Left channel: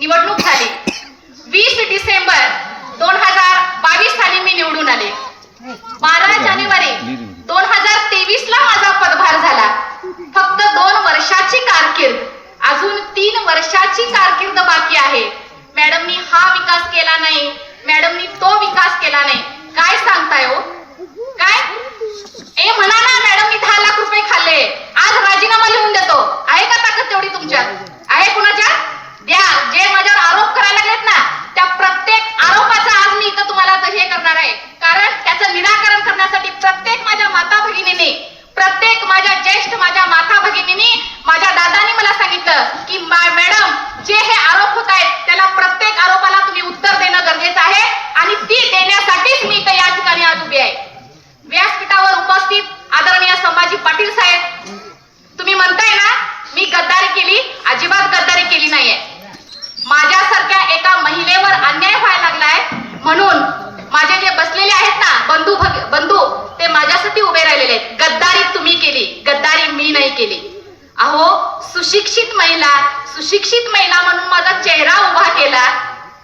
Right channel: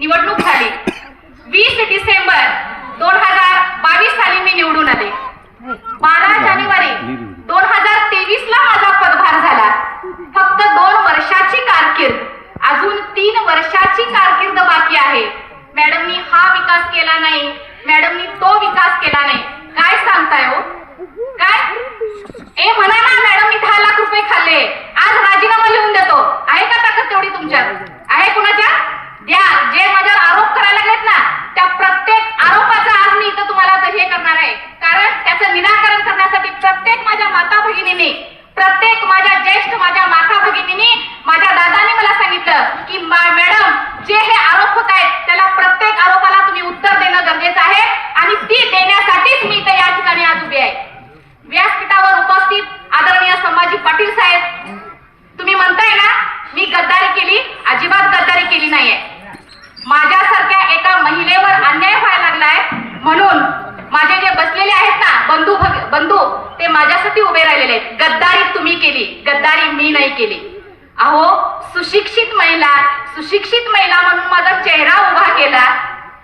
निवडणूक झाली. 20 डिसेंबर 2022 साली मी निवडून आले. 12 जानेवारी 2023 ला माझा पदभार झाला. फक्त 2 वर्षाची कारकीर्द, अजून 3 वर्षाची कारकीर्द बाकी आहे. मॅडमनी हा विकास केला नाही, मॅडमनी तो विकास केला नाही. काय सांगताय हो? काय ए म्हणा ना, मॅडम मी 10 लाख रुपये खाल्ले, आज राजीनामा लिहून देतो. आहे का ताकद तेवढी तुमच्यात? आहे कुणाच्या? द्या. जे माझ्यावर आरोप करायला लागलेत ना, त्या प्रत्येक आरोपाचं आज मी इथं तुम्हाला हे करणार आहे. कारण त्याचं निराकरण करण्यासाठी प्रत्येक माझ्या माता भगिनीने, प्रत्येक माझ्या ज्येष्ठ माझ्या माता भगिनीने, माझ्या दादाने मला सांगितलं की मॅडम जे हे आरोप होत आहेत त्याला प्रत्येक आरोपाला तुम्ही उत्तर देणं गरजेचं आहे आणि ती देण्यासाठीच मी इथं या ठिकाणी आज उभी आहे. व्यासपीठावर उपस्थित आदरणीय संभाजी पाटील साहेब, तुम्ही म्हणताय ना मी गद्दारी केली, अजिबात गद्दारी केली नाहीये. माझ्यासारख्या एका महिलेवर अन्याय व्हायला लागलाय म्हणून माझे जे बसलेले आहेत ना बंधू ते माझ्यासाठी उभे राहिलेले आहेत. गद्दारी तुम्ही केली, गद्दारी मी नाही केली. अहो सुशिक्षित महिला म्हणून माझा चेहरा उभा केला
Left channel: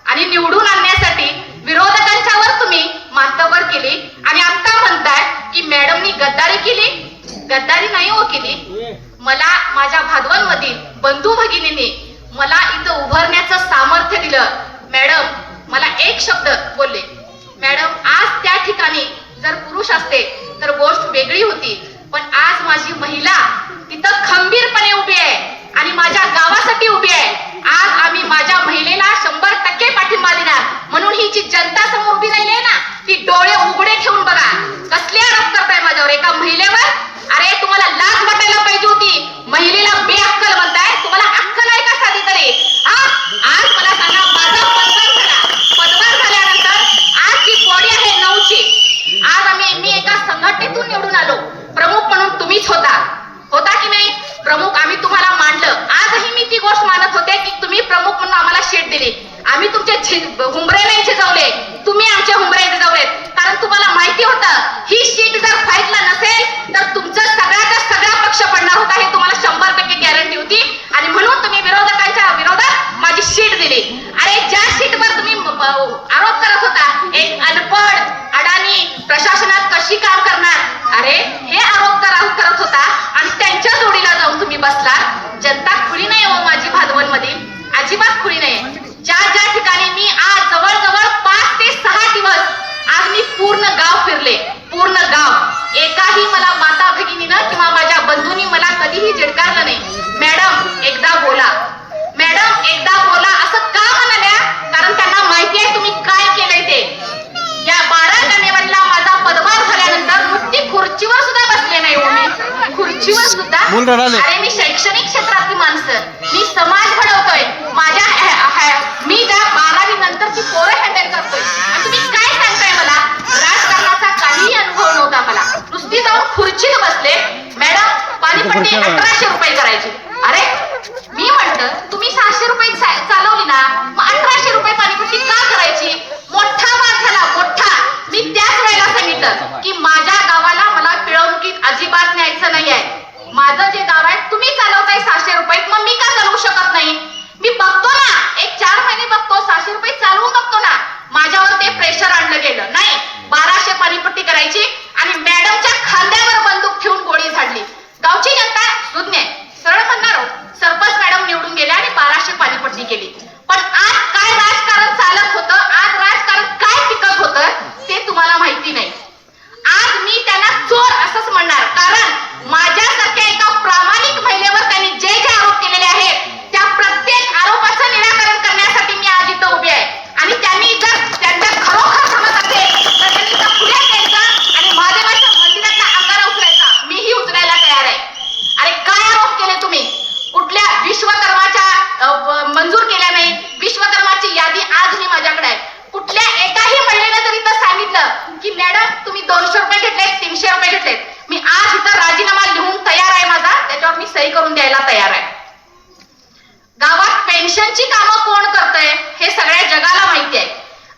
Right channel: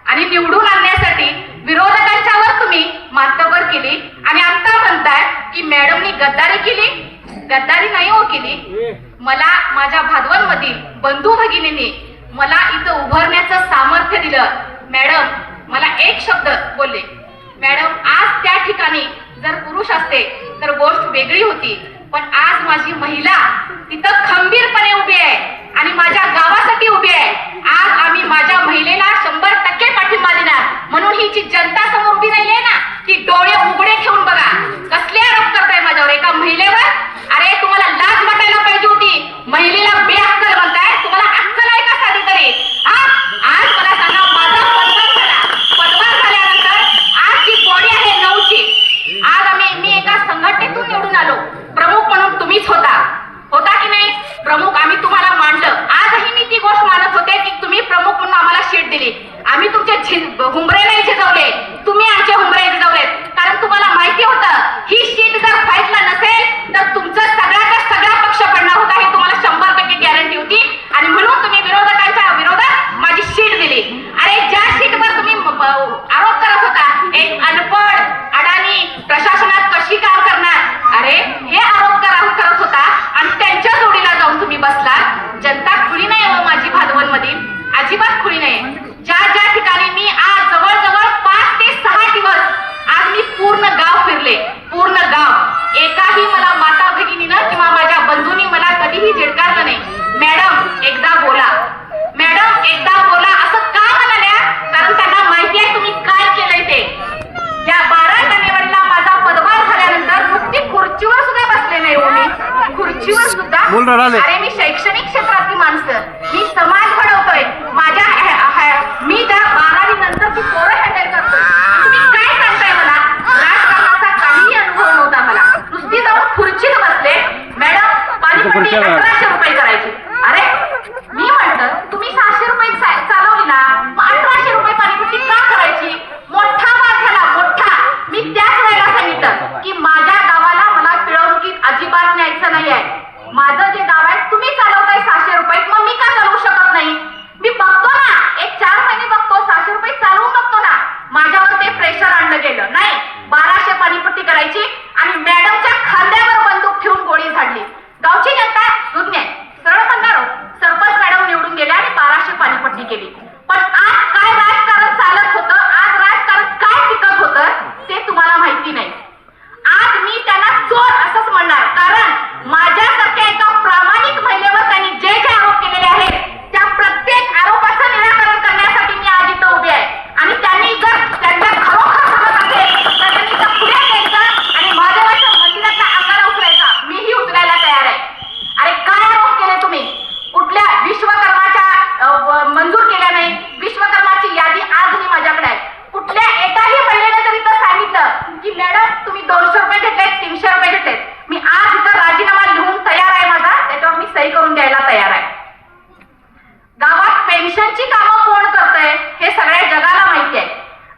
आणि निवडून आणण्यासाठी विरोधकांच्यावर तुम्ही मातबर केली आणि आता म्हणताय की मॅडमनी गद्दारी केली. गद्दारी नाही हो केली. मला माझ्या भादवल मधील बंधू भगिनींनी मला इथं उभारण्याचं सामर्थ्य दिलं. मॅडम मला एक शब्द बोलले, मॅडम आज त्या ठिकाणी जर पुरुष असते तर गोष्ट वेगळी होती, पण आज माझी महिला तिथं खंबीरपणे उभी आहे आणि माझ्या गावासाठी उभी आहे. आज आम्ही माझ्या महिलेला 100% पाठिंबा देणार. म्हणून ही जी जनता समोर उभी राहिली आहे ना, ती डोळे उघडे ठेवून बघा. कसले आरोप करताय माझ्यावर एका महिलेवर? अरे तुम्हाला लाज वाटायला पाहिजे होती. महिलेला बेअक्कल म्हणताय. तुम्हाला अक्कल आहे का साधी तरी? आज मला सांगा, माझा पदभार झाल्यानंतर आज जी बॉडी आहे 9ची, आज मी एका संघटनेतून निवडून आलो. प्रमुख म्हणून तुम्हीच होता की नाही? प्रमुख आम्ही तुम्हाला मांडलं. आजही मी ती गोष्ट मानत होते की तुम्ही प्रमुख म्हणून आम्हाला शीट दिली. आम्ही तुमचे हुंबरे नाही झिजवले, तुम्ही आमचे हुंबरे झिजवलेत. कारण तुम्हाला माहिती होतं ही शीट जर फाईटला नसेल तर तुमचं सगळ्याचा सगळा पक्ष पडणार होता, हे तुम्हाला 100% गॅरंटी होती. आणि म्हणून तुम्ही विरोधकांच्या विरोधात माझी शीट दिली. अरे ज्या शीटवर तुम्ही आरोप करत होता, एक अनपढ अडाणी प्रशासनात कशी काम करणार, अरे हे आरोप करत होता आणि त्यांच्या जोडीला जाऊन तुम्ही बसला. जनता खुली नाही हो माझी भादवल मधील, अजिबात खुली नाही. ज्या ठिकाणी मी आज जवळजवळ 5 ते 6 दिवस आज मी पूर्ण गाव फिरले, पूर्ण गाव. एकाही मला माता भगिनीनं किंवा माझ्या बंधूंनी मला कधीही झिडकारलं नाही. मॅडम एकदा बोला, मॅडम एकदा बोला असं का म्हणाल्या? कारण त्यांना माहिती आहे तुम्ही काय केलंय ते. या 12 जानेवारीला माझा पदभार झाल्यानंतर नुकती खुर्चीवर सुद्धा बसले नाही हो मी. खुर्चीवर सुद्धा अरे मी शैक्षणिक क्षेत्रातली माणसं, मी समाज घडवतोय. मी ज्या 12वी नंतरची पोरं हँडल करतोय. तुम्ही काय सांगताय मला? राजकारणाचा काहीही अनुभव नव्हता मला. नुसती जाऊन खुर्चीत बसले. मॅडम पाणीपट्टी 1800 रुपये करायची. अरे मी म्हटलं तुम्ही 600 रुपये चालवली ना, मग 1800 रुपये पाणीपट्टी का करायची? मोठा वाद झाला, मोठा. मी त्याच वेळेला सांगितलं की माझ्या गावाला मला पिळवणुकीत अजिबात न्यायचं नाहीये. माझं जे गाव आहे तुम्ही चालवताय 600 रुपये, मग मी का चालवू शकत नाही? मी बघतो ना, एक 4 महिने बघतो, 600 रुपये चालवून बघतो ना. माझ्यावर ते प्रेशर आणलं गेलं. नाही 1200 पाणीपट्टी करायची आणि मॅडमच्या खांद्यावर बंदूक ठेवून गोळी झाडली. गावची जनता सुज्ञ सरळ म्हणणार, सरपंच मॅडम निवडून गेल्या आणि 1200 पाणीपट्टी केली. पण आज काय राजकारण चालत होतं, आज राजकारण काय टिकत होतं ते तुम्हाला माहिती नाही. आज मी त्यांना चोर असंच म्हणणार, कारण माझ्यासारख्या एका प्रामाणिक महिलेवर त्यांनी जे आरोप केलेले आहेत त्या प्रत्येक आरोपाचं निराकरण करण्यासाठी मी आज इथं उभी आहे. आणि त्यांनी जर त्यांच्या खरोखर समज असेल तर त्यांनी इथं पुढे यायचं आणि महादेवाच्या मंदिराच्या अंगाला उतरायचा. मीही उतरायला तयार आहे. अरे काय आरोप केले तुम्ही? कुठल्या विश्वकर्माच्या मंजूर केल्या नाही? विश्वकर्माची यादी आजही माझ्याकडे आहे. कुठल्या एकाही महिलेने जर इथं सांगितलं की मॅडम तुम्ही 200 रुपये घेतलेत, 300 रुपये घेतलेत, मी आज इथं राजीनामा लिहून तयार आहे माझा, त्याच्यावर मी सही करून द्यायला तयार आहे. गावात पेन्शनची कामं कोण करतंय हे सगळ्या जगाला माहिती आहे.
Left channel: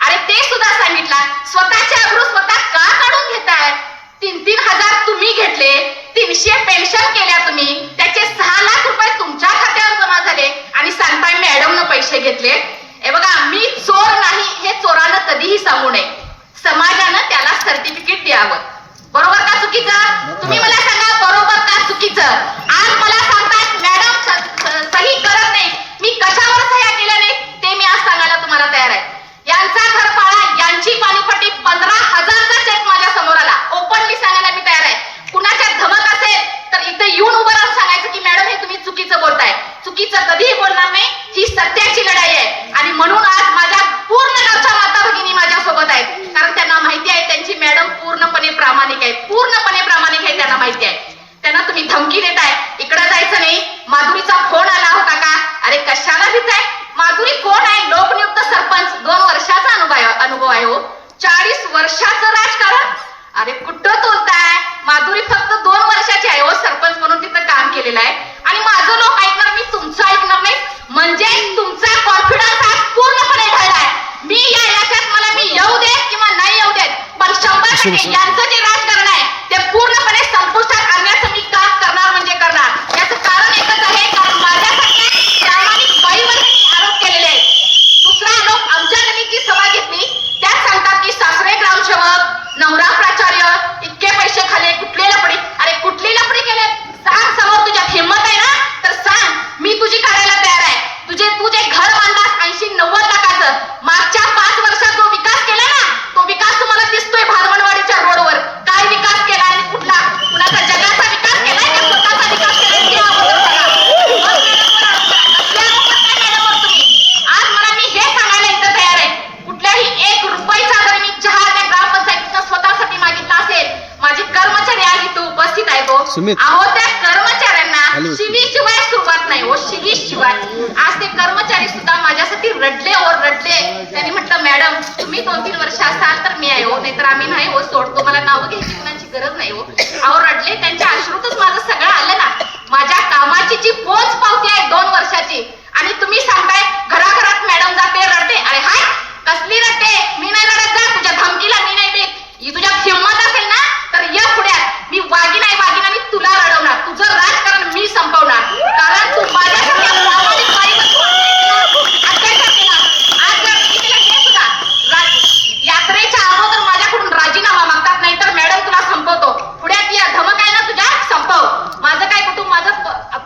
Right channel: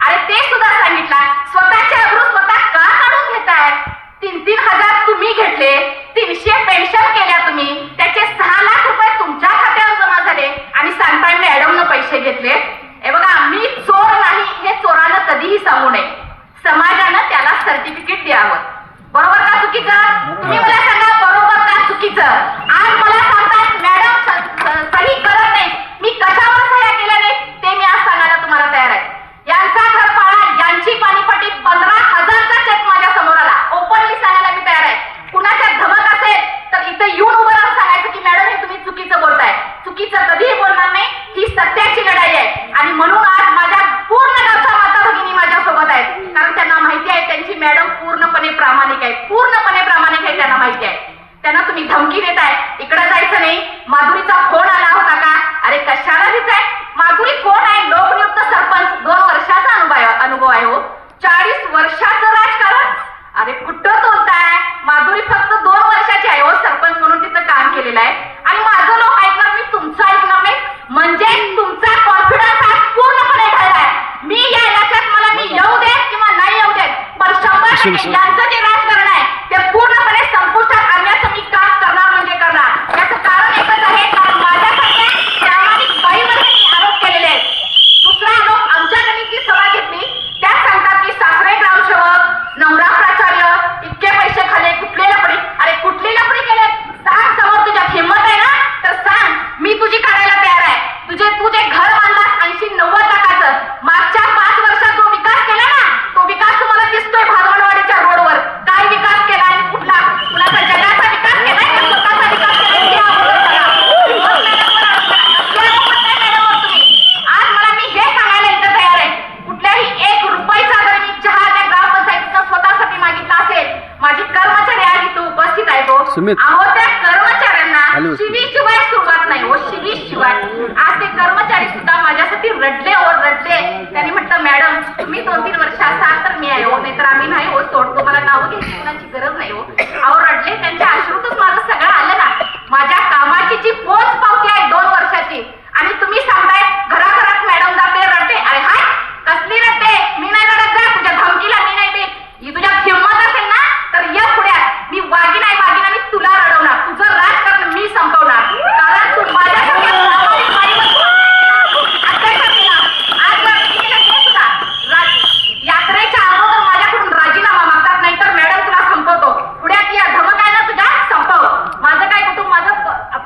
अरे ते सुद्धा सांगितलं, स्वतःच्या अब्रू स्वतः का काढून घेताय? 3-3 हजार तुम्ही घेतले, 300 पेन्शन केल्या तुम्ही, त्याचे 6 लाख रुपये तुमच्या खात्यावर जमा झाले आणि सांगताय मॅडमनं पैसे घेतले. हे बघा, मी चोर नाही हे चोरानं कधीही सांगू नये. समाजानं त्याला सर्टिफिकेट द्यावं. बरोबर का चुकीचं? तुम्ही मला सांगा, बरोबर का चुकीचं? आज मला सांगतात मॅडम सही करत नाही. मी कशावर सह्या केल्या नाही ते मी आज सांगायला तुम्हाला तयार आहे. यांचा घरफाळा, यांची पाणीपट्टी 15,000चा चेक माझ्या समोर आला. ओपनली सांगायला मी तयार आहे. कुणाच्या धमक असेल तर इथे येऊन उभं राहून सांगायचं की मॅडम हे तुम्ही चुकीचं बोलताय. चुकीचं कधीही बोलणार नाही. ही सत्याची लढाई आहे आणि म्हणून आज माझ्या पूर्ण गावच्या माता भगिनी माझ्या सोबत आहेत. कारण त्यांना माहिती आहे त्यांची मॅडम पूर्णपणे प्रामाणिक आहे. पूर्णपणे प्रामाणिक आहे, त्यांना माहिती आहे. त्यांना तुम्ही धमकी देताय, इकडे जायचं नाही. माधुरीचा फोन आला होता का? अरे कशाला भीताय? माधुरी कोण आहे? लोकनियुक्त सरपंच, 2 वर्षाचा अनुभव आहे हो. 40 वर्षाचं राजकारण. अरे कुठं बोलताय? माधुरी फक्त 2 वर्षाची आहे हो, सरपंच म्हणून तिथं काम केलेलं आहे. आणि माझं लोक ऐकणार, मी तुमचं ऐकणार नाही. म्हणजे तुमचा कॉन्फिडन्स हा पूर्णपणे ढळलाय. मी याच्यात मला मी येऊ देत किंवा नाही येऊ देत, पण 100% यांचं जे राजकारण आहे ते पूर्णपणे संपुष्टात आणण्याचं मी काम करणार म्हणजे करणार. याचं कारण एकच आहे, कारण माझ्यासारख्या प्रामाणिक बाईवर आरोप केलेले आहेत. दुसरा आरोप, आमच्या गणितची सभा घेतली, त्यात सांगतात की सासरे ग्रामसेवक, नवरा प्राचार्य, इतके पैसे खाले, कुठले लपडी. अरे कुठली लपडी केले? सांग समोर, तुझ्यात हिंमत आहे ना तर सांग, मी तुझी करायला तयार आहे. तुझे घर बांधलास 80-90 लाखाचं. मागच्या 5 वर्षात जो विकास केला ना, तो विकास तुम्हाला दिसतोय भादवणवाडीच्या रोडवर. काय विकास केला आणि कुठला? कुणाचा जगाचा विकास केलाय का स्वतःचा विकास केलाय? ते अगोदर तुम्ही. आज मला मी हे सांगायला इथं तयार आहे, कुठल्याही 1 रुपयाचा जरी मी चहा त्या ग्रामपंचायतीचा स्वतःसाठी मागितला असेल, माझी कर्मचारी आज इथे उपस्थित आहे तो. अहो त्या कर्मचाऱ्यांना शिवीशिवाय सुरुवात नाही हो, शिवीशिवाय. आज ते कर्मचारी सुद्धा माझ्यासाठी रडले हो, रडले. त्यांनी म्हटलं मॅडम तुम्ही 2-3 वर्ष असाल तर मी आहे हो, नाहीतर आम्ही नाही हो, सोडतो. मला नावं घ्यायची कुणाची गरज नाही हो. अहो रडले, त्यांच्या अश्रूतच माझं सगळं आलं ना. माझ्या कामाची जी पोच पावती आहे 2 वर्षाची, आणि तुम्ही सांगताय घराघरात मॅडम जाते रडते. अरे हाय, कसली रडते? मी नाही रडत. जा, तुझ्या धमकीला मी नाही देत. ही तुझ्या हिंमत असेल ना तर ये पुढ्यात. मी वागीन आणि तुला रडवणार. तुझं राजकारण मी संपवणार. कारण तू माझ्यासारख्या प्रामाणिक बाईवर अत्याचार केला. आज जर मी केलं हे सुद्धा यात्रेच्या अगोदर माझ्याकडून राजीनामा मागतात, नाही तर मॅडम तुला संपवतो. पुढ्यात या धमक आहे ना तुझ्या, संपव. माझं काय कुटुंब, माझं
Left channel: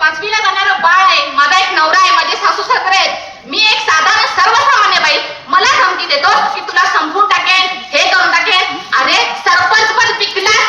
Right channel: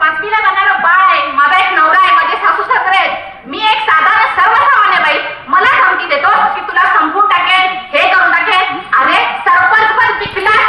5वीला जाणारं बाळ आहे, माझा एक नवरा आहे, माझे सासू सासरे आहेत. मी एक साधारण सर्वसामान्य बाई, मला धमकी देतो की तुला संपवून टाकेन, हे करून टाकेन. अरे सरपंच पण विकलास.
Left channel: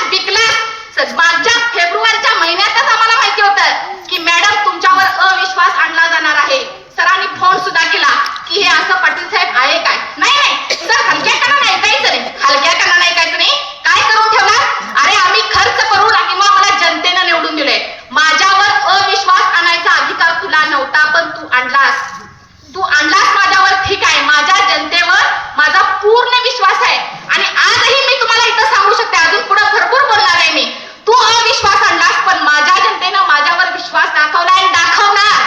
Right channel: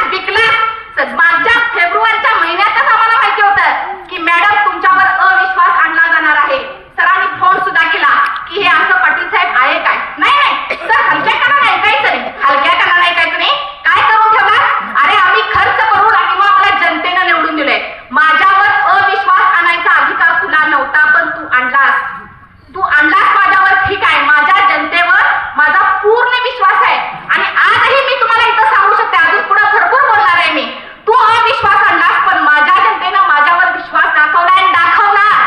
मागच्या फेब्रुवारीच्या महिन्यातच आम्हाला माहिती होतं की मॅडम तुमच्यावर अविश्वास आणला जाणार आहे. सरांनी फोन सुद्धा केला की हे असं पाटील साहेब आहे काय? नाही सर, हलक्या कानाने ऐकायचं नाही, हलक्या कानाने ऐकायचं नाही. काय करून ठेवला? अरे आम्ही खर्च करून आणि मग मला जनतेनं निवडून दिले. माझ्यावर अविश्वास आणायचा अधिकार तुला नव्हता, पण तू आणलास माझ्यावर. ठीक आहे, माझ्या जनतेवर माझा पूर्ण विश्वास आहे आणि आजही मी तुम्हाला इथं सांगू शकते, अजून पुढे भरपूर बोलणार आहे मी. तू अविश्वास आणलास, पण माझ्या जनतेनं माझ्यावर विश्वास दाखवला आणि दाखवणार.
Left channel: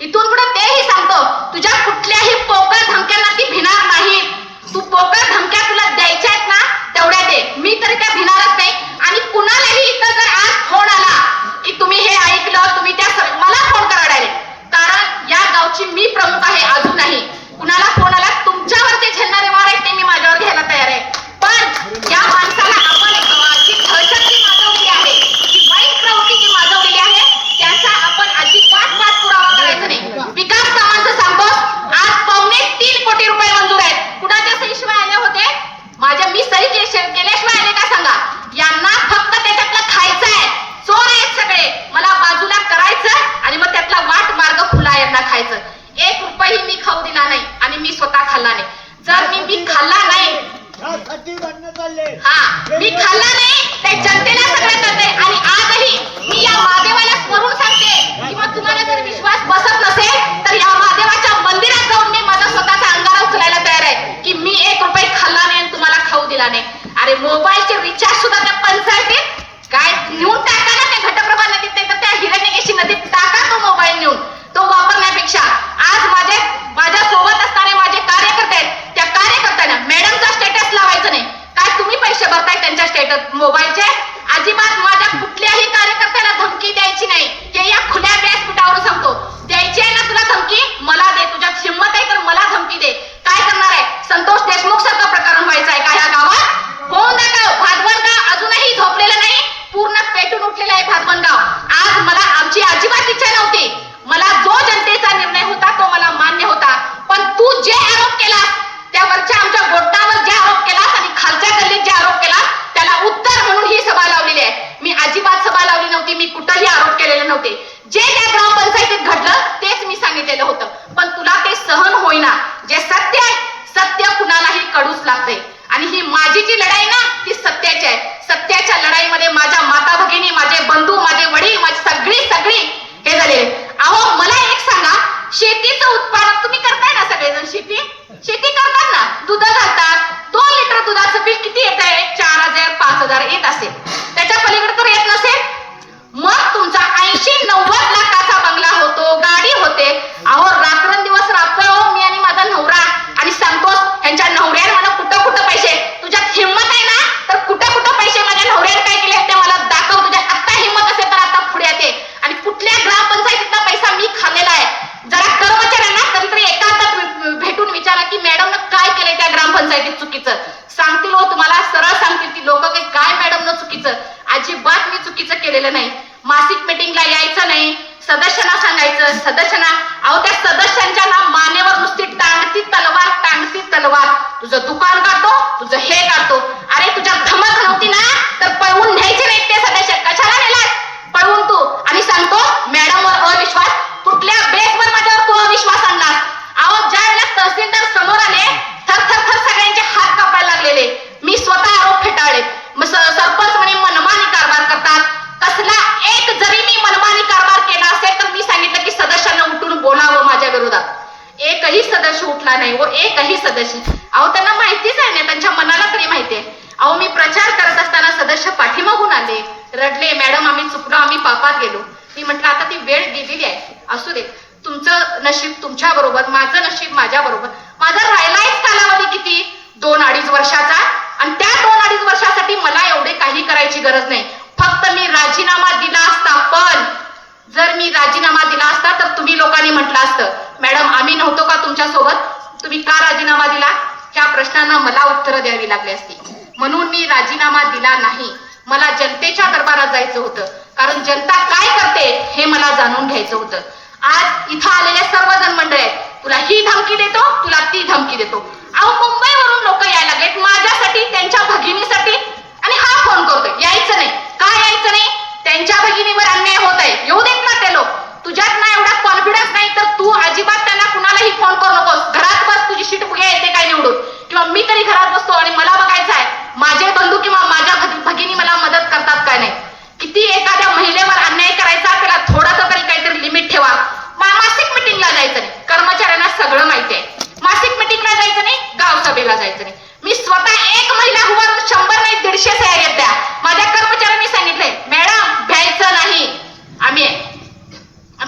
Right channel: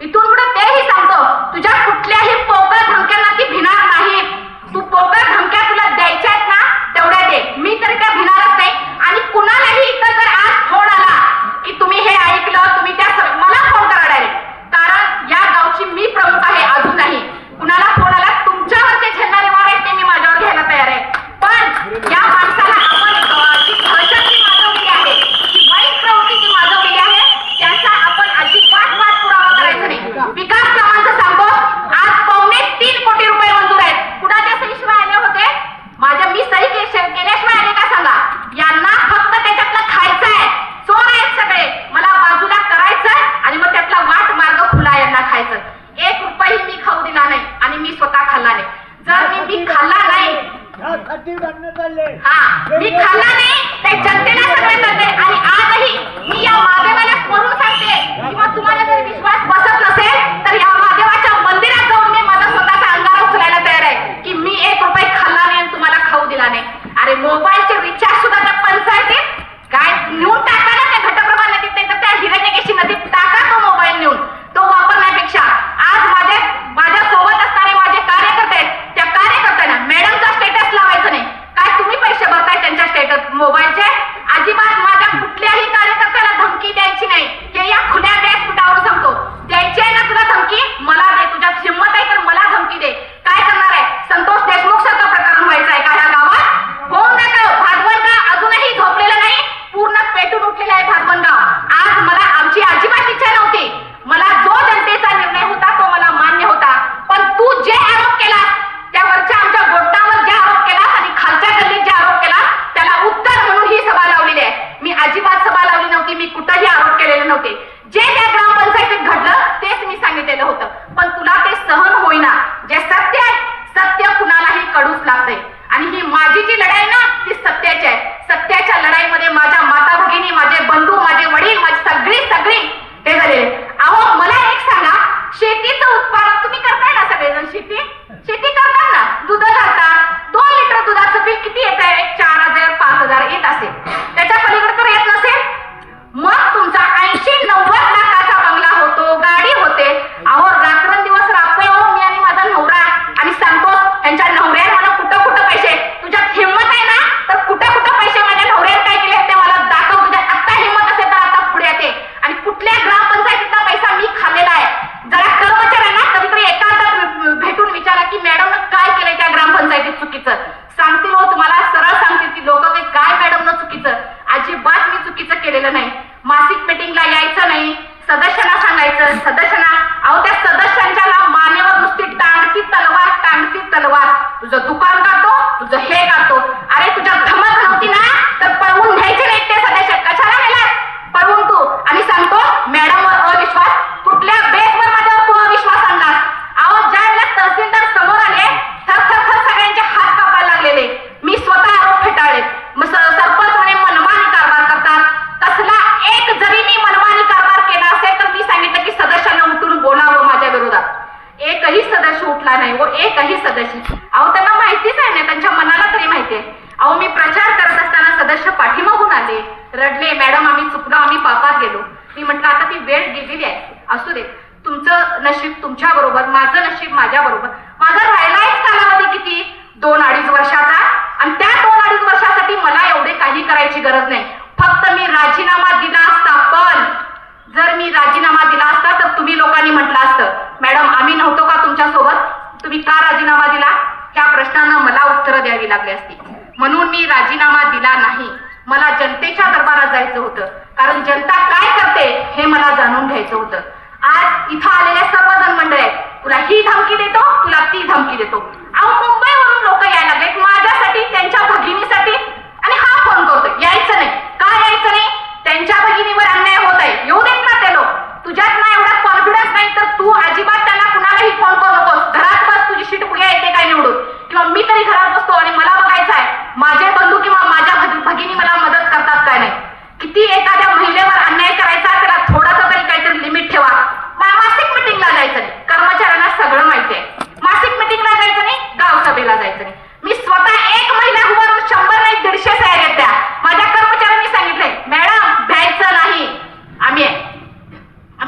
इथून पुढे तेही सांगतो, तुझ्या कुठल्याही पोकळ धमक्यांना ती भिणार नाही. तू पोकळ धमक्या तुला द्यायच्या आहेत ना तेवढ्या दे, मी तरी त्या भिणारच नाही. आणि कुणालाही इथं जर आज फोन आला की तुम्ही हे ऐकलं, तुम्ही त्या मला फोन करा डायरेक्ट. कारण या गावची मी प्रमुख आहे अजूनही. कुणाला फोन आला, तुमच्यावरचे झेलणारे वार आहेत ते मी माझ्यावर घ्यायला तयार आहे. पण या माणसाला आपण जी दहशत माजवली आहे, जी वाईट प्रवृत्ती जी माजवलेली आहे, त्याचा आपण अजिबात पाठपुरावा करायचा नाही. विकास कामांचं सांगतो, आज 2.5 होतं, पण तुला ते सहन होईना. जे सत्य आहे, सत्य कुणालाही कळूच लागते. आणि ही माझी जी लढाई ना, ती सत्याची आहे. सत्याच्या लढाईमध्ये माझ्या माता भगिनी, माझे बंधू, माझे वडील, माझी सगळी हे झाले. अहो मला एक सांगा, शेतीचं उत्पादन तुम्ही करताय ना, सगळेजण शेती करतात ना, दूध घालतात. 2 लिटर दुधाचं बिल किती येत आहे? 4,000 5,000 येत असेल. त्याच्या पलीकडे तर येत नसेल. मग तुमचा 80-90 लाखाचा बंगला होतो, गाडी होते. अहो रात्रंदिवस राबतोय हो मी आणि माझा नवरा. आणि सांगतोस यांच्या नवऱ्याने मला कुठं पैसे, तुझ्यात हिंमत आहे ना तर कुठं पैसे माझ्या नवऱ्याने काय केले ते मला दाखव. तुझ्या आत्ता हिंमत असेल तर आता पुढे येते. आणि कुठल्या ग्रामपंचायतीचा पैसा मी खाल्लेला आहे. जरा कर्मचाऱ्यांना कधीतरी एकांतात भेटून विचारा की मॅडमनं काय केलंय त्या ग्रामपंचायतीत चुकीचं. सांगतील हो तुम्हाला, सरळ सांगतील ती लोक की काय मॅडमनं चुकीचं. अजिबात मी चुकीचं केलेलं नाही. मासिक मीटिंगला यायचं नाही, सदस्यांना सांगायचं. सदस्यांना, अहो त्या सदस्यांच्या ना मानेवर नुसती टांगती तलवार. तुझं दुकान काढतो, तुझं हे काढतो. अरे तुझ्या धमक नव्हती ना तर पळवून न्यायचे नाही ते सदस्य. कशाला नेलास पळवून तू? आणि सांगतो मॅडमवर अविश्वास, कुठल्या बेसवर माझ्यावर तू अविश्वास आणलास? अहो ज्या वेळेला तहसीलदार समोर आले, थर सगळ्यांचे हात कापायला लागलेले. मी स्वतः आरोप फेटाळले. सरपंच म्हणे मनमानी कारभार करतात. कसला एक जरी मी मनमानी कारभार केला असेल तर मी सांगितलं की सदस्यांना उठून बोलावं माझ्या विरोधात. एकही सदस्य उठला नाही व एकही सदस्य. अहो त्यांना माहितीच आहे ना, त्यांच्या मनाला तरी माहिती आहे. अहो मी प्रचार करत असताना सदस्य पाठीमागून आले, रडले, मॅडम आम्ही चुकलो, आम्ही पापात गेलो. मी म्हटलं आता ती वेळ गेलेली आहे, असू दे. तुमचं नशीब तुमच्या बरोबर, माझं नशीब माझ्या बरोबर. माझा राहिलाच कालावधी किती? 2-2.5 वर्षाचा. आणि त्या 2-2.5 वर्षासाठी मला एवढे काही करायची गरज नाही. फक्त मी राजीनामा दिला असता. पण जर मी राजीनामा दिला असता तर तुम्ही लोकांनी म्हटलं असतं मॅडम आम्ही नव्हतो का तुमच्या सोबत, तुम्ही का राजीनामा दिला? ह्या प्रश्नांना मला उत्तरं द्यावी लागली असती. म्हणून मी राजीनामा दिला नाही. मला जनतेच्या दरबारात जायचं होतं, कारण जनता काय करते हे मला जाणून घ्यायचं होतं. आज इथं आलेले सर्वजण मंडळी आहेत, तुला ही धमकी देतो, तुला ती धमकी देतो. अहो मुंबईवरून लोक यायला लागलेत माझ्यासाठी, त्यांच्या भगिनीसाठी. आणि हा फोन करतोय यायचं नाही. का यायचं नाही? त्यांच्या भगिनीवर अन्याय होत आहे. येऊ देत ना ते लोक. तुझ्यात ना एवढा कॉन्फिडन्स नाही तर तू अजिबात त्यांना कुणालाही फोन करू नकोस. घरात बस, तुझी शीट बघूया येते काय निवडून. किंवा मी तरी घरात बसतो आणि मला बघायचं आहे माझे बंधू किंवा माझ्या भगिनी मला मदत करतात काय नाही. किती एखाद्या महिलेवर अन्याय करायचा, त्याला थोडासा तरी काहीतरी लिमिट ठेवा. मासिक मिटिंगला जायचं नाही, कर्मचाऱ्यांना सगळं माहिती आहे. मासिक मिटिंगला जायचं नाही, गाव सभेला जायचं नाही. मी स्वतः एक महिला उभारून 100 नाही 150 तयार येत्या. माझ्या कर्मचाऱ्यांनी सांगितले मॅडम भ्यायचं नाही, आम्ही आहे.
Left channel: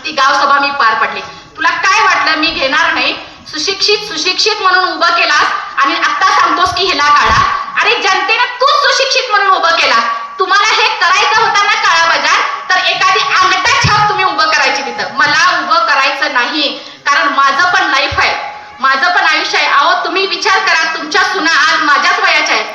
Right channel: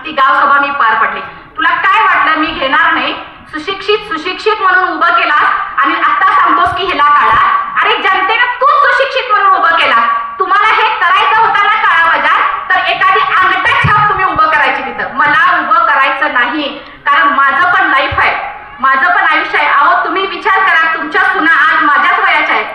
ती गाव सभा मी पार पडली. तुला काय वाटलं मी घेणार नाही? सुशिक्षित म्हणून उभं केलास आणि आता सांगतोस की हिला काढा. अरे जनतेनं तू सुशिक्षित म्हणून उभं केलास. तुम्हाला हे करायचं होतं ना काळा बाजार, तर एखादी अंगठा छाप तुम्ही उभं करायची तिथं. मला उभं करायचं नाही, कारण माझं पण लाईफ आहे, माझं पण आयुष्य आहे. अहो तुम्ही विचार करा, तुमच्या सुना आज माझ्याच वयाच्या आहेत.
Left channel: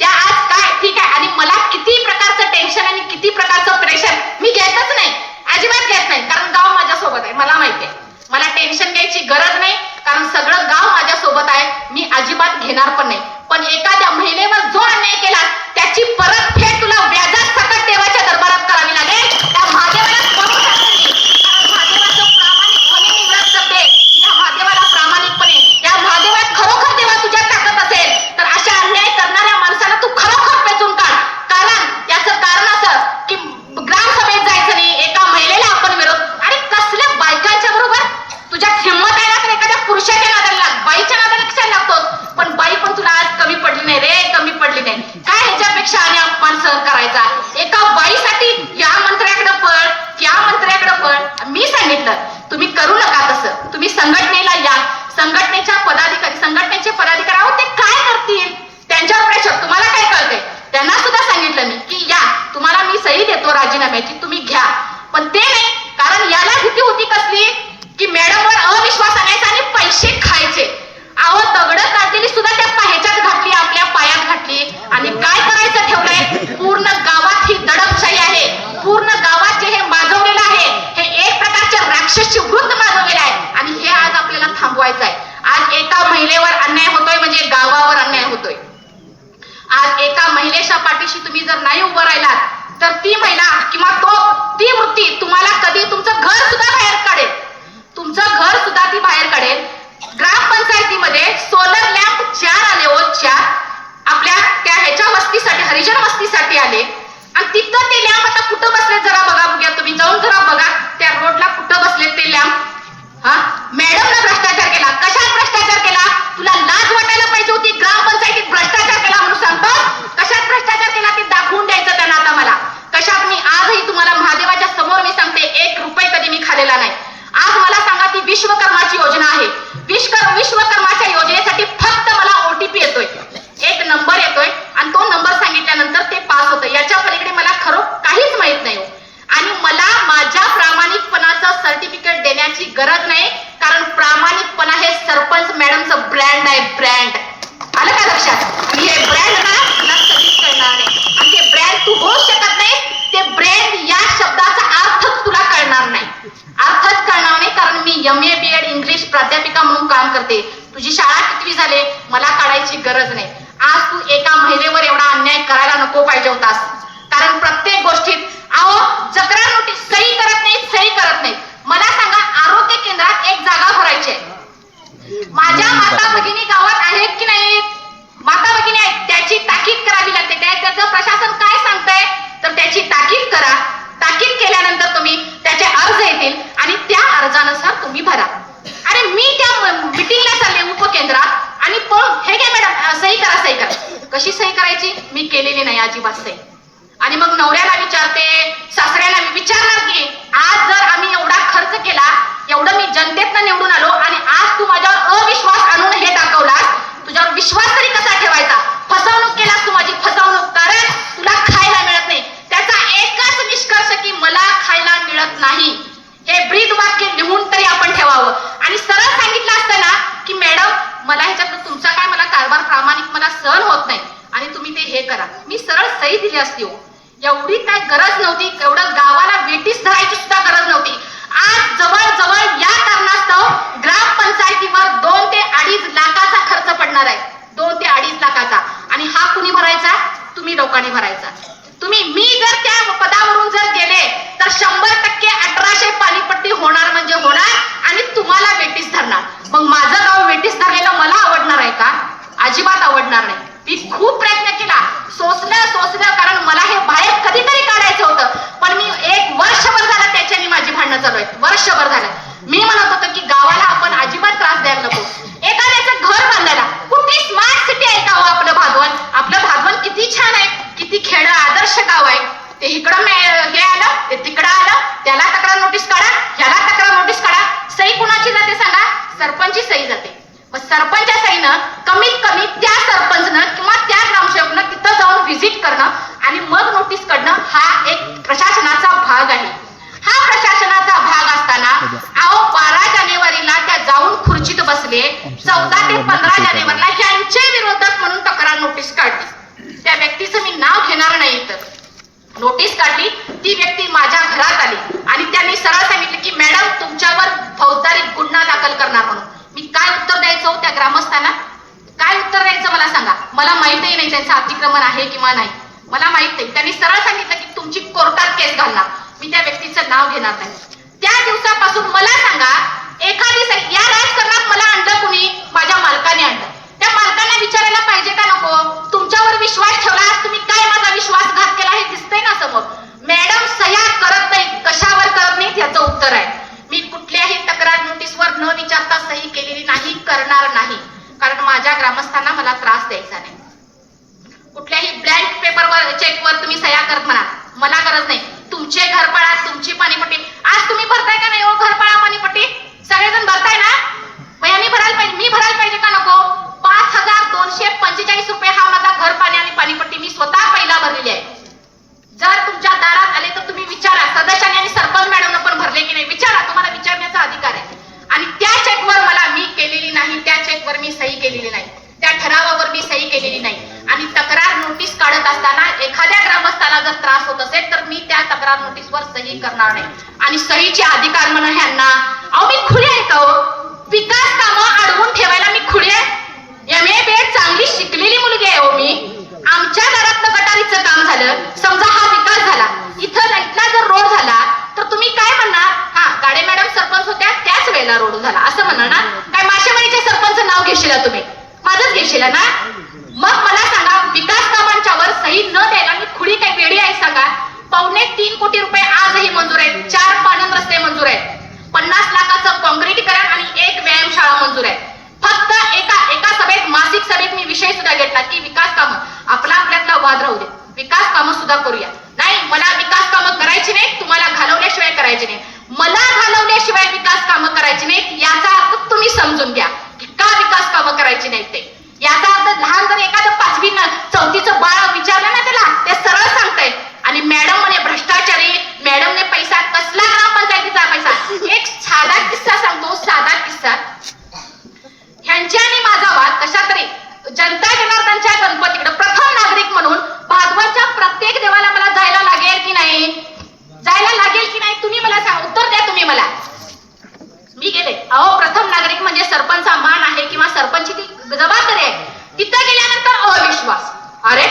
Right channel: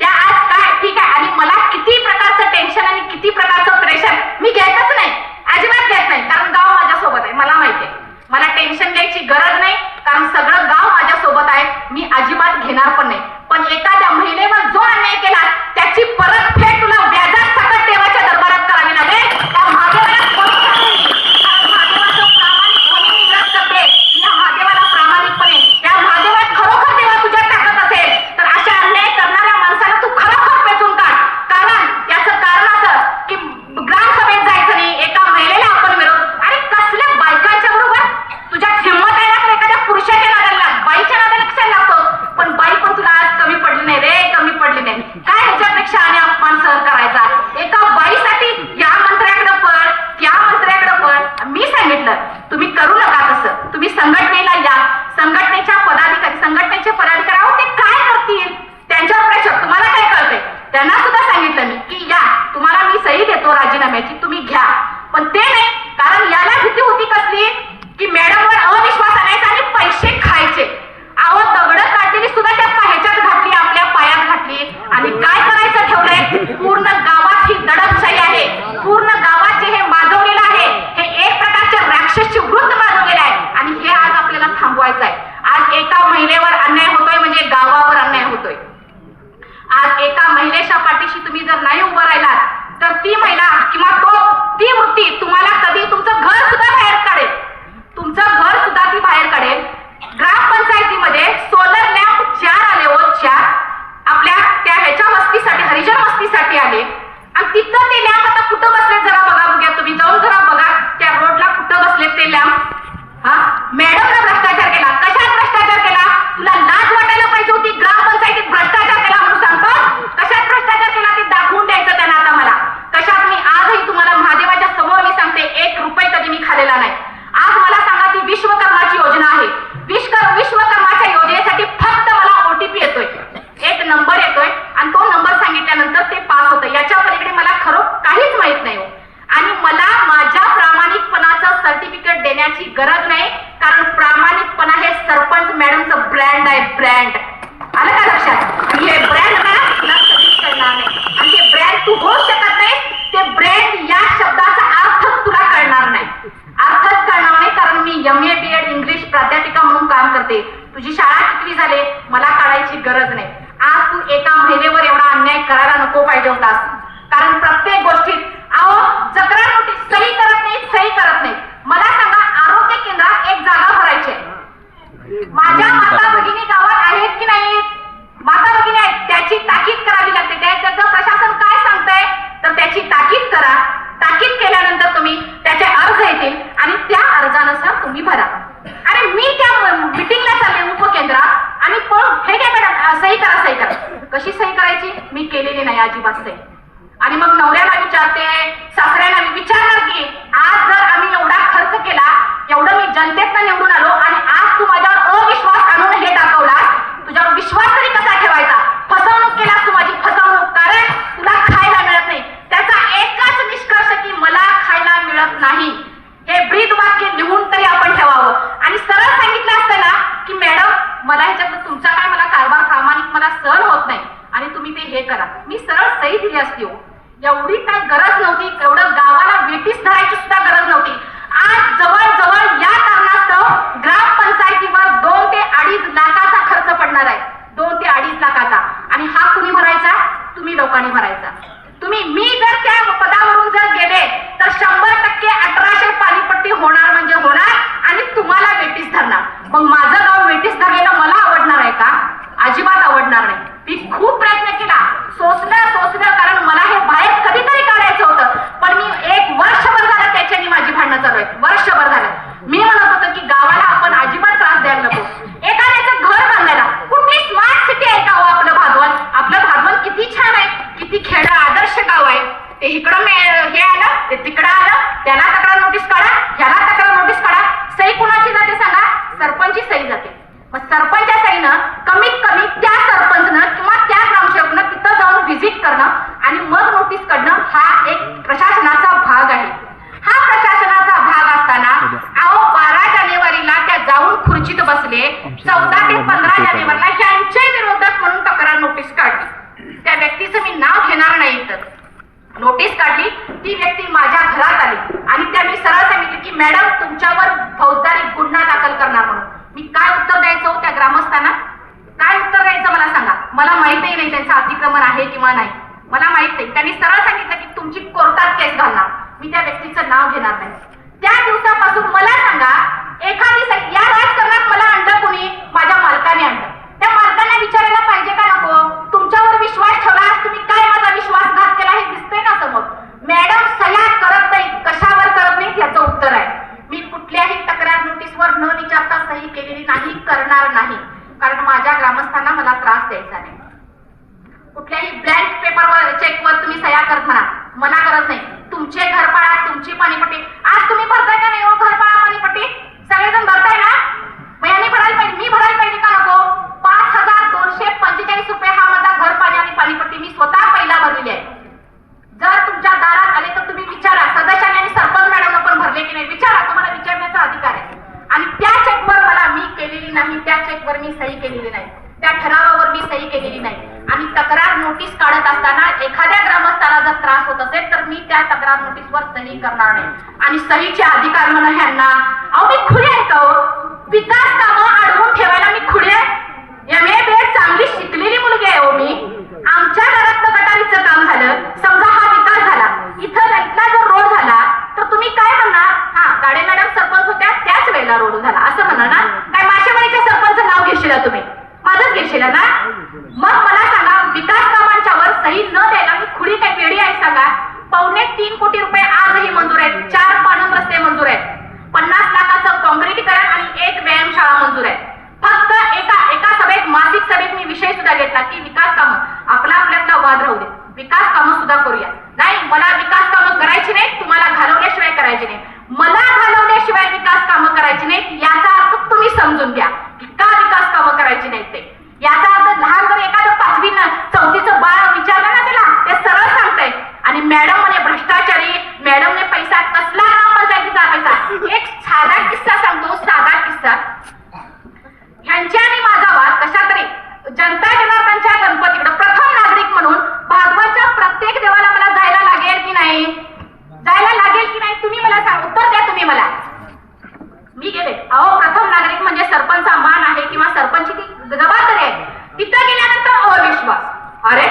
त्या आज काय ठीक आहे, आणि मला किती प्रकारचं टेन्शन आणि किती प्रकारचं प्रेशर मी घेतच नाही, अजिबात घेत नाही. कारण गाव माझ्यासोबत आहे, मला माहिती आहे. मला टेन्शन घ्यायची गरज नाही, कारण सगळं गाव माझ्यासोबत आहे. मी अजिबात घेणार पण नाही. पण एखाद्या महिलेवर जो अन्याय केला त्याची परतफेड तुला व्याजात सकट देवाच्या दरबारात करावी लागेल. त्या महादेवाचं प्रामाणिकपणे मी व्रत करते. या महादेवाला प्रामाणिकपणे, या महादेवात खरोखर देवा तुझ्यात टाकत असेल तर अशा अन्याय करणाऱ्या माणसाला तू खरोखर पेचून काढ. कारण याचं कारण असं की ग्रामसभेत जायचं नाही, एका महिलेला आपण विरोध. अरे कसल्या बायकांच्या बरोबर तुझ्यात हिंमत आहे ना तर एखाद्या पुरुषाच्या नादाला लाग, बाईच्या नादाला कशाला लागतोस? पण बाई पण तुला आज कमी पडली नाही रे, कमी पडली नाही. काय ह्याच्यापेक्षा आणि अपमान सहन करायचा? एका बाईसाठी या मंत्र्याकडे पळ, त्या मंत्र्याकडे पळ. मी सांगितलं तुम्ही करू नका तसं. तुम्ही संघटनेला या, संघटनेचे पदाधिकारी आहोत ते काय करतील त्यांच्यावर प्रेशर. तुम्हाला काय कळतंय? त्यांना सुद्धा सांगितलं मी की या, तुम्हाला मी सही देतो राजीनाम्याची, तुम्ही घ्या. पण ते नाही, कारण याला भीती होती कसली की मॅडमवर अविश्वास आणायचा आणि पैसे खायचे. अहो दगड काढलेली सुद्धा त्या ह्याच्यात घातली, आपल्या पायात घातली. आणि काय करायचं ठेवलंय? पूर्ण गावात ही दडपशाही आहे, पूर्ण गावात जे हे माजवलेलं आहे हे एक प्रकारच्या राक्षसी वृत्त माजवलेलं आहे. आणि हे आज आपल्याला थांबवायचं आहे. आज एका महिलेवर अन्याय होतोय म्हणजे गावावर अन्याय होतोय. आज एका महिलेच्या पाठीशी तुम्ही जर नाही उभं राहिलात तर ती महिला किंवा ती वृत्ती तुम्हाला कधी तुमचं घर सुद्धा बाहेर काढेल. तुमचं घर सुद्धा ती बाहेर काढेल. ग्रामपंचायतीमध्ये सोलर लॅम्प 4 आले हो, 4 आपल्या त्या ह्याच्या वस्तीसाठी, हरिजन वस्तीसाठी आले. आणि तिथं ते लॅम्प आता कुठं बसले जरा बघा, बघा तुम्ही जाऊन जरा बघा त्या रोडला कुठं बसलेत ते लॅम्प. हा, मॅडमनं भ्रष्टाचार केला. कशात भ्रष्टाचार केला? तुला लाज वाटायला पाहिजे होती. ग्रामपंचायतीत भ्रष्टाचार केला म्हणून सांगतो. कशात भ्रष्टाचार केला ते दाखवून द्यायचं त्यांना आता मला. कशात? मी आजही तुम्हाला महादेवाच्या समोर मी सांगते, 1 रुपये कधी मी खाल्लेला नाही. आज मला सांगा, ती विश्वकर्माची योजना आहे. विश्वकर्माच्या योजनेसाठी फक्त मला OTP येतोय, 1 नंबर येतोय आणि तो नंबर सांगितल्यानंतर ते पास होतं. याच्या पलीकडे मला खरं काहीच माहित नाही हो. आणि मला माझ्या प्रामाणिकपणाचं सर्टिफिकेट देण्याची गरज नाही, कारण प्रामाणिकपणा हे सरपंच मॅडमचं ब्रँड आहे, ब्रँड. आलं का लक्षात? आणि हे ब्रँड मला कधीच कळणार नाही. आणि ते ब्रँड तू होऊ शकत नाही. ते ब्रँड या शब्दाचा अर्थच तुला कळणार नाही, अर्थच कळणार नाही. कारण मी MA BEd इंग्लिश प्राध्यापिका म्हणून काम करते. तुझी शाळा कितवी झाले मला काढायची गरज नाही. आज तू एका महिलेवर एवढा अन्याय करायला नको पाहिजे होतास. कारण प्रत्येक गोष्टीत अहो जत्रा नोटीस सही करत नाहीत, सही करत नाहीत. मला सांगा, आरोग्य केंद्रात एक जागा भरायची आहे. माझ्या माता भगिनी गावात आहेत की नाहीत? माता भगिनी आहेत, त्याची ताकीद करावी लागते. त्याचं प्रशासन काय सांगतंय तर त्याची ताकीद करा. ताकीद केल्यानंतर तुम्ही त्याचे अर्ज येतील आणि त्या अर्जानुसार तुम्ही भरा. आणि मी त्या मिटिंगला चालले उपकेंद्रात आणि हे घ्या मॅडम सही करा, सही करा. कशी सही करायची? मी केलेली नाही अजिबात सही. आणि मग नवऱ्याला विचारते, सासऱ्याला विचारणार की आज जर आम्ही एवढा खर्च केला, एवढं मी जनतेतनं निवडून आलो आणि आज तू माझ्यावर अविश्वास आणून हे दाखवलास, तुझ्यावर विश्वास तरी कसा ठेवायचा? फसवणूक केलास तू माझी, फसवणूक. कारण तुला खायला मिळत नाही. त्याचा एकच निष्कर्ष की मला खायला मिळत नाही. हे ब्रीद वाक्य लिहून तरी आपण ठेवावं. आणि सरळ सांगितलं असतं ना की मॅडम मला ह्याच्यात तुमचा काय मला कारभार प्रामाणिक मला सहन होत नाही आणि तुम्ही ते हे करा, मी सरळ सही दिली असती हो. एवढी काय गरज नव्हती, एवढं गावाला वेटीस धरायची सुद्धा गरज नव्हती. आज जवळजवळ या कारणास्तव ग्रामपंचायतीवर 2 ते 2.5 लाखाचा खर्च पडणार आहे, 2 ते 2.5 लाखाचा. आणि हा कुणी भरायचा? तुम्ही लोकांनी भरायचा. मी जर त्या पदावरून जर गेले तर 100% 1800 पाणीपट्टी होणार म्हणजे होणार आणि तुम्हाला वेटीस धरणार. मग माझं गाव वेटीस धरलेलं मला आवडणार आहे का? अजिबात आवडणार नाही. मी खूप प्रयत्न केला, सोसलं, कारण मला हे बाहेर कधीतरी काढायचं होतं. पण मी 1 वर्षभर झालं त्याच्याने माझी भांडणं चालू आहेत, वर्षभर झालं. मी म्हणत होतो की गावाला आपण अजिबात त्रास द्यायला नको. एखाद्याचं घर बांधायला कुठली स्मार्ट सिटी आहे का हो आपलं भागवण? आपलं भागवण किती छान आहे, किती खेड आदर्श गाव आहे. ते इकडं हे आलं, ते तिकडं आलं, त्याला तक्रार नोटीस काढा, ह्याला तक्रार नोटीस काढा. सही कुणाची जाते सांगा? सरपंचची सही जाते. मग सरपंचच्या सहीनं कमीत कमी त्या सरपंचनं किंवा त्या ग्रामसेवकनं तिथं जाऊन व्हिजिट करणं आणि मग नोटीस काढणं हा एक प्रशासनाचा भाग आहे. हा प्रशासनाचा भाग असताना अहो 12 जानेवारीला त्या जाऊन खुर्चीत बसले, 14 ते 15 जानेवारीला ह्यांच्या विरोधात म्हणून तक्रार नोटीस काढली. त्या व्यक्तीचं मी नाव घेणार नाही, तर नोटीस काढली. ती व्यक्ती माझ्या घरात आली आणि त्यांनी सरळ सांगितलं की मॅडम तुमच्यावर फौजदारी गुन्हा दाखल करणार म्हणून. मी काय उत्तर द्यायचं त्या ग्रामस्थांना? काय उत्तर द्यायचं मला सांगा? मला माहितही नाही त्यांचं अतिक्रमण आहे किंवा नाही, मला माहित नाही. त्यांनी सरळ सांगितलं की तुमची कोर्टात केस घालणार. मी त्या व्यक्तीचं नाव घेणार नाही. त्या दिवसापासून मला सांगा, एखादी या राजकारणात मला आणलं कुणी? माझ्या मालकाने आणलं. त्या मालकांना विचारायला पाहिजे का नको? तुमच्यावर विश्वास ठेवला, तुम्ही काय माझा विश्वासघात केला हे दिसतंय ना समोर. मॅडम सह्या करत नाही, कशावर करत नाहीत याचं उत्तर आहे. मी कुठल्याही तक्रार नोटीसवर न विचारता सही केलेली नाही, करणार नाही. कारण माझ्या ग्रामस्थांना मला त्रास द्यायचा नाही. कुठल्याही ब्लँक पेपरवर चेकवर तुम्ही सह्या करत म्हणा, मला गरज नाही. तुमचे घरपाळा, तुमची पाणीपट्टी आज तुम्ही भरताय का नाही हो? घरपाळा पाणीपट्टी सगळेजण भरताय ना? मग यांनी भरायला पाहिजे, मी भरायला पाहिजे का नको? 5245 रुपये हा माझा घर पाणी आणि पाणीपट्टी मी स्वतः पहिला भरलेली आहे. जर तुमच्या दारात आले तर तुम्ही विचारा, सदस्यांनी आणि सरपंच मॅडमनं पण भरले की नाही विचारा, तुम्हाला विचारण्याचा अधिकार आहे. आणि त्या चेकवर मला मी केलेली नाही, त्या चेकवर मी सही केलेली नाही, त्या ठरावावर मी सही केलेली नाही. आणि तक्रार नोटीस काढत असताना एखाद्या ग्रामस्थाला जर त्रास होत असेल तर मी त्या तक्रार नोटीसवर सही करणार नाही. आणि सहीचे अधिकार म्हणून ह्यांना अहो मी खुले आहे का? विकास कामं अडवून ठेवायला मी खुले आहे? MA BEd चांगली शिकलेली मुलगी आहे हो मी. आमच्या घरातलं गटारीचं काम झालं, समजा हा विकास झाला, इथं लाईटला जर रोड झाला तर तुम्ही काय म्हणणार? हा गाडे मॅडम सरपंच होत्या त्याच वेळेला घेशील तुम्ही, माझंच घेशील ना? मग मला सांगा, विकास कामांच्या वर सही न द्यायला मी खुडी काय वेडी आहे सांगा? 2.25 कोटी रुपये आजही मंजूर आहेत, 4 पाणंद रस्ते मंजूर आहेत, 50 लाखाचं काँक्रिटीकरण आणि 1 व्यायामशाळा मंजूर आहे. फक्त एका सभेत, मासिक सभेत मी विषय सुद्धा घेतला की विकास कामं, आपल्यातला वाद राहू दे, विकास कामं सुद्धा करूया. नाही, मला विकास कामं करायची नाही, तुम्हाला घालवल्याशिवाय करायची नाही. मला घालवल्याशिवाय विकास कामं करायची नाहीत याचा अर्थ तुम्ही समजून घ्या की का विकास कामं करायची नाहीत ते. याचा अर्थ लहान जर एखादं 5वी 4थीचं बाळ विचारलं ना त्याला, ते सरळ सांगतंय. आणि मॅडम म्हणे भ्रष्टाचारी, मॅडमने पैसा कसला, ग्रामपंचायतीचा पैसा. एक साधा किस्सा सांगतो, साधा किस्सा. ह्यांच्या आणि माझा वाद कशा तरी जनता जनार्दनच्या गणपतीकडे प्रथम नागरिक म्हणून भागवतच्या प्रत्येक देवाला मला जायला लागेल की नाही, जायला लागेल की नाही, तुम्ही मला सांग, उत्तर द्या तुम्ही मला. मी गेले. अहो, प्रथम नागरिक म्हणजे सरपंचा मान आहे किंवा सरपंचची ती जबाबदारी आहे. तिथं गेल्यानंतर अविश्वास, अरे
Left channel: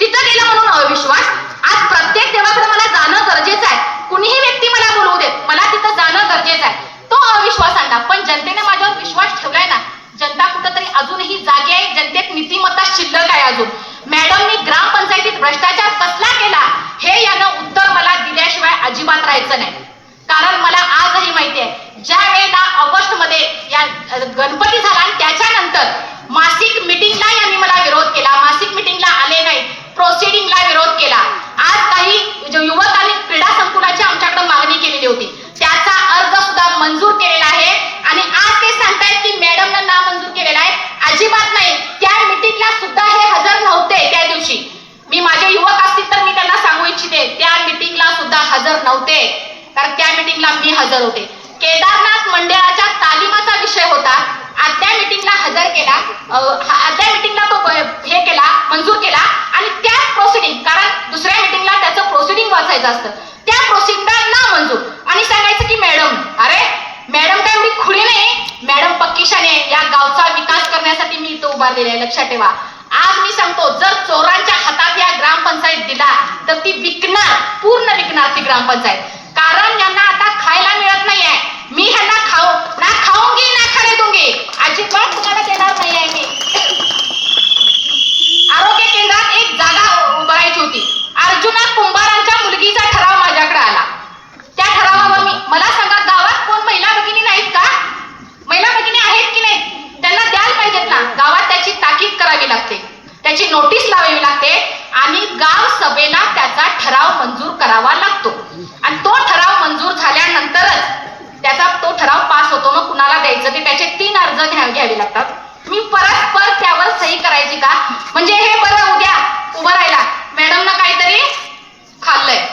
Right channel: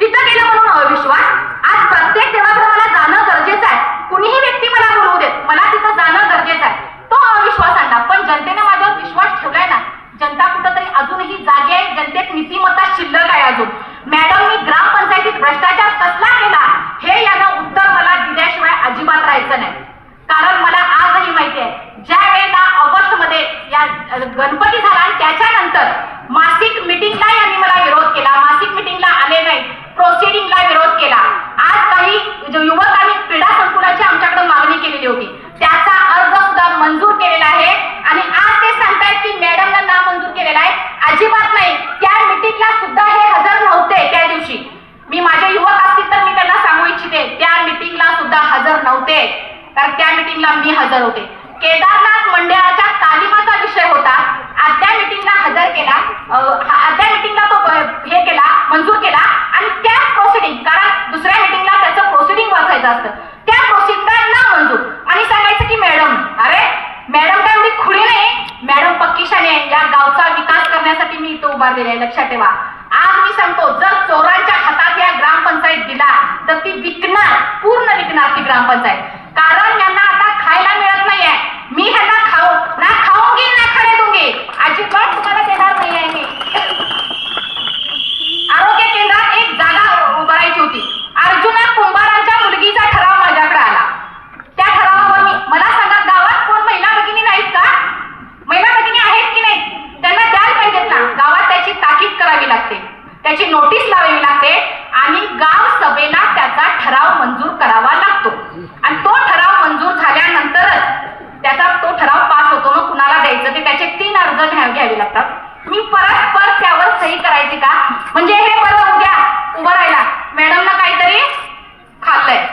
तिथं गेलं म्हणून अविश्वास. आज प्रत्येक देवाकडे मला जाणं गरजेचं आहे, कुणीही व्यक्ती मला बोलवू देत, मला तिथं जाणं गरजेचं आहे. तो अविश्वास आणला. पण जनतेने माझ्यावर विश्वास ठेवलाय ना, जनता कुठंतरी अजूनही जागी आहे, जनतेत नीतिमत्ता शिल्लक आहे अजून. मॅडमनी ग्रामपंचायतीत भ्रष्टाचार कसला केला हे यानं उत्तर मला दिल्याशिवाय अजिबात राहायचं नाही. कारण मला आजही माहिती आहे, ज्या वेळेला ऑगस्ट मध्ये या गणपती झाला आणि त्याच्यानंतर मासिक मिटिंगला यांनी मला विरोध केला, मासिक मिटिंगला आले नाही, प्रोसिडिंगला विरोध केला. आज काही युवकांनी क्रीडा संकुलाची आमच्याकडे मागणी केलेली होती, त्याचा अर्ज सुद्धा मंजूर केलेला आहे. आणि आज ते सांगतायत की मॅडमला नामंजूर केलेला आहे. अजिबात नाही. त्या मिटिंगला सुद्धा हे हजर नव्हते. त्या दिवशी मी, माझे युवक असतील तर मी त्यांना सांगू इच्छिते, त्या मिटिंगला सुद्धा हजर नव्हते, कारण त्या मिटिंगला मी हजर होते. केदारनाथ मंडळाच्या तालिमाचा विषय होता. आदल्या मिटिंगला हजर केला, आदल्या मिटिंगला तो हे केला, मंजूर केला आणि त्या प्रोसिडिंग, कारण दुसऱ्या मिटिंगला त्याचं प्रोसिडिंग वाचायचं असतं, त्या प्रोसिडिंगला ना मंजूर. आणि सांगायचं की मॅडम, अरे मॅडम काय एवढी खुडी नाही, मॅडम पक्कीशाने, या गावचा विकास करण्यासाठी मी इथं उभारलेला आहे, लक्षात ठेवा. आज मी सांगतो, जर चोरांच्या हातात या ग्रामपंचायत दिला तर ती विकणार, पूर्ण विकणार ती ग्रामपंचायत. कारण यांना आता खायला मिळत नाहीये. मी ह्यांना खाऊंगी ना खाणे दूंगी, अजिबात तुम्हाला देणार नाहीये मी. आरोग्य केंद्रात एक जागा उभारायची होती. अर्जुना कुंभारांच्या मुलगीचा ठराव माझ्याकडे आला. त्या ठरावावर मला सांगा, गावात कोण महिला भगिनी नाहीत का? महिला भगिनी आहेत की नाहीत? त्यांना द्यायला पाहिजेत ना. गावात त्याची ताकीद करावी लागते, त्याची नोटीस लावावी लागते आणि गाव सभेला त्याचा ठराव मंजूर करावा लागतो. आणि तो ठराव मंजूर झाल्यानंतरच त्याचा तो ठराव पास होतो. मग कुणाला द्यायचं ते त्याचे 3 अर्ज घ्यावे लागतात. मी परस्पर त्यावर सही करायची का? म्हणजे हे बरं, उद्या उभं राहिला मॅडमना काहीतरी खाल्लंय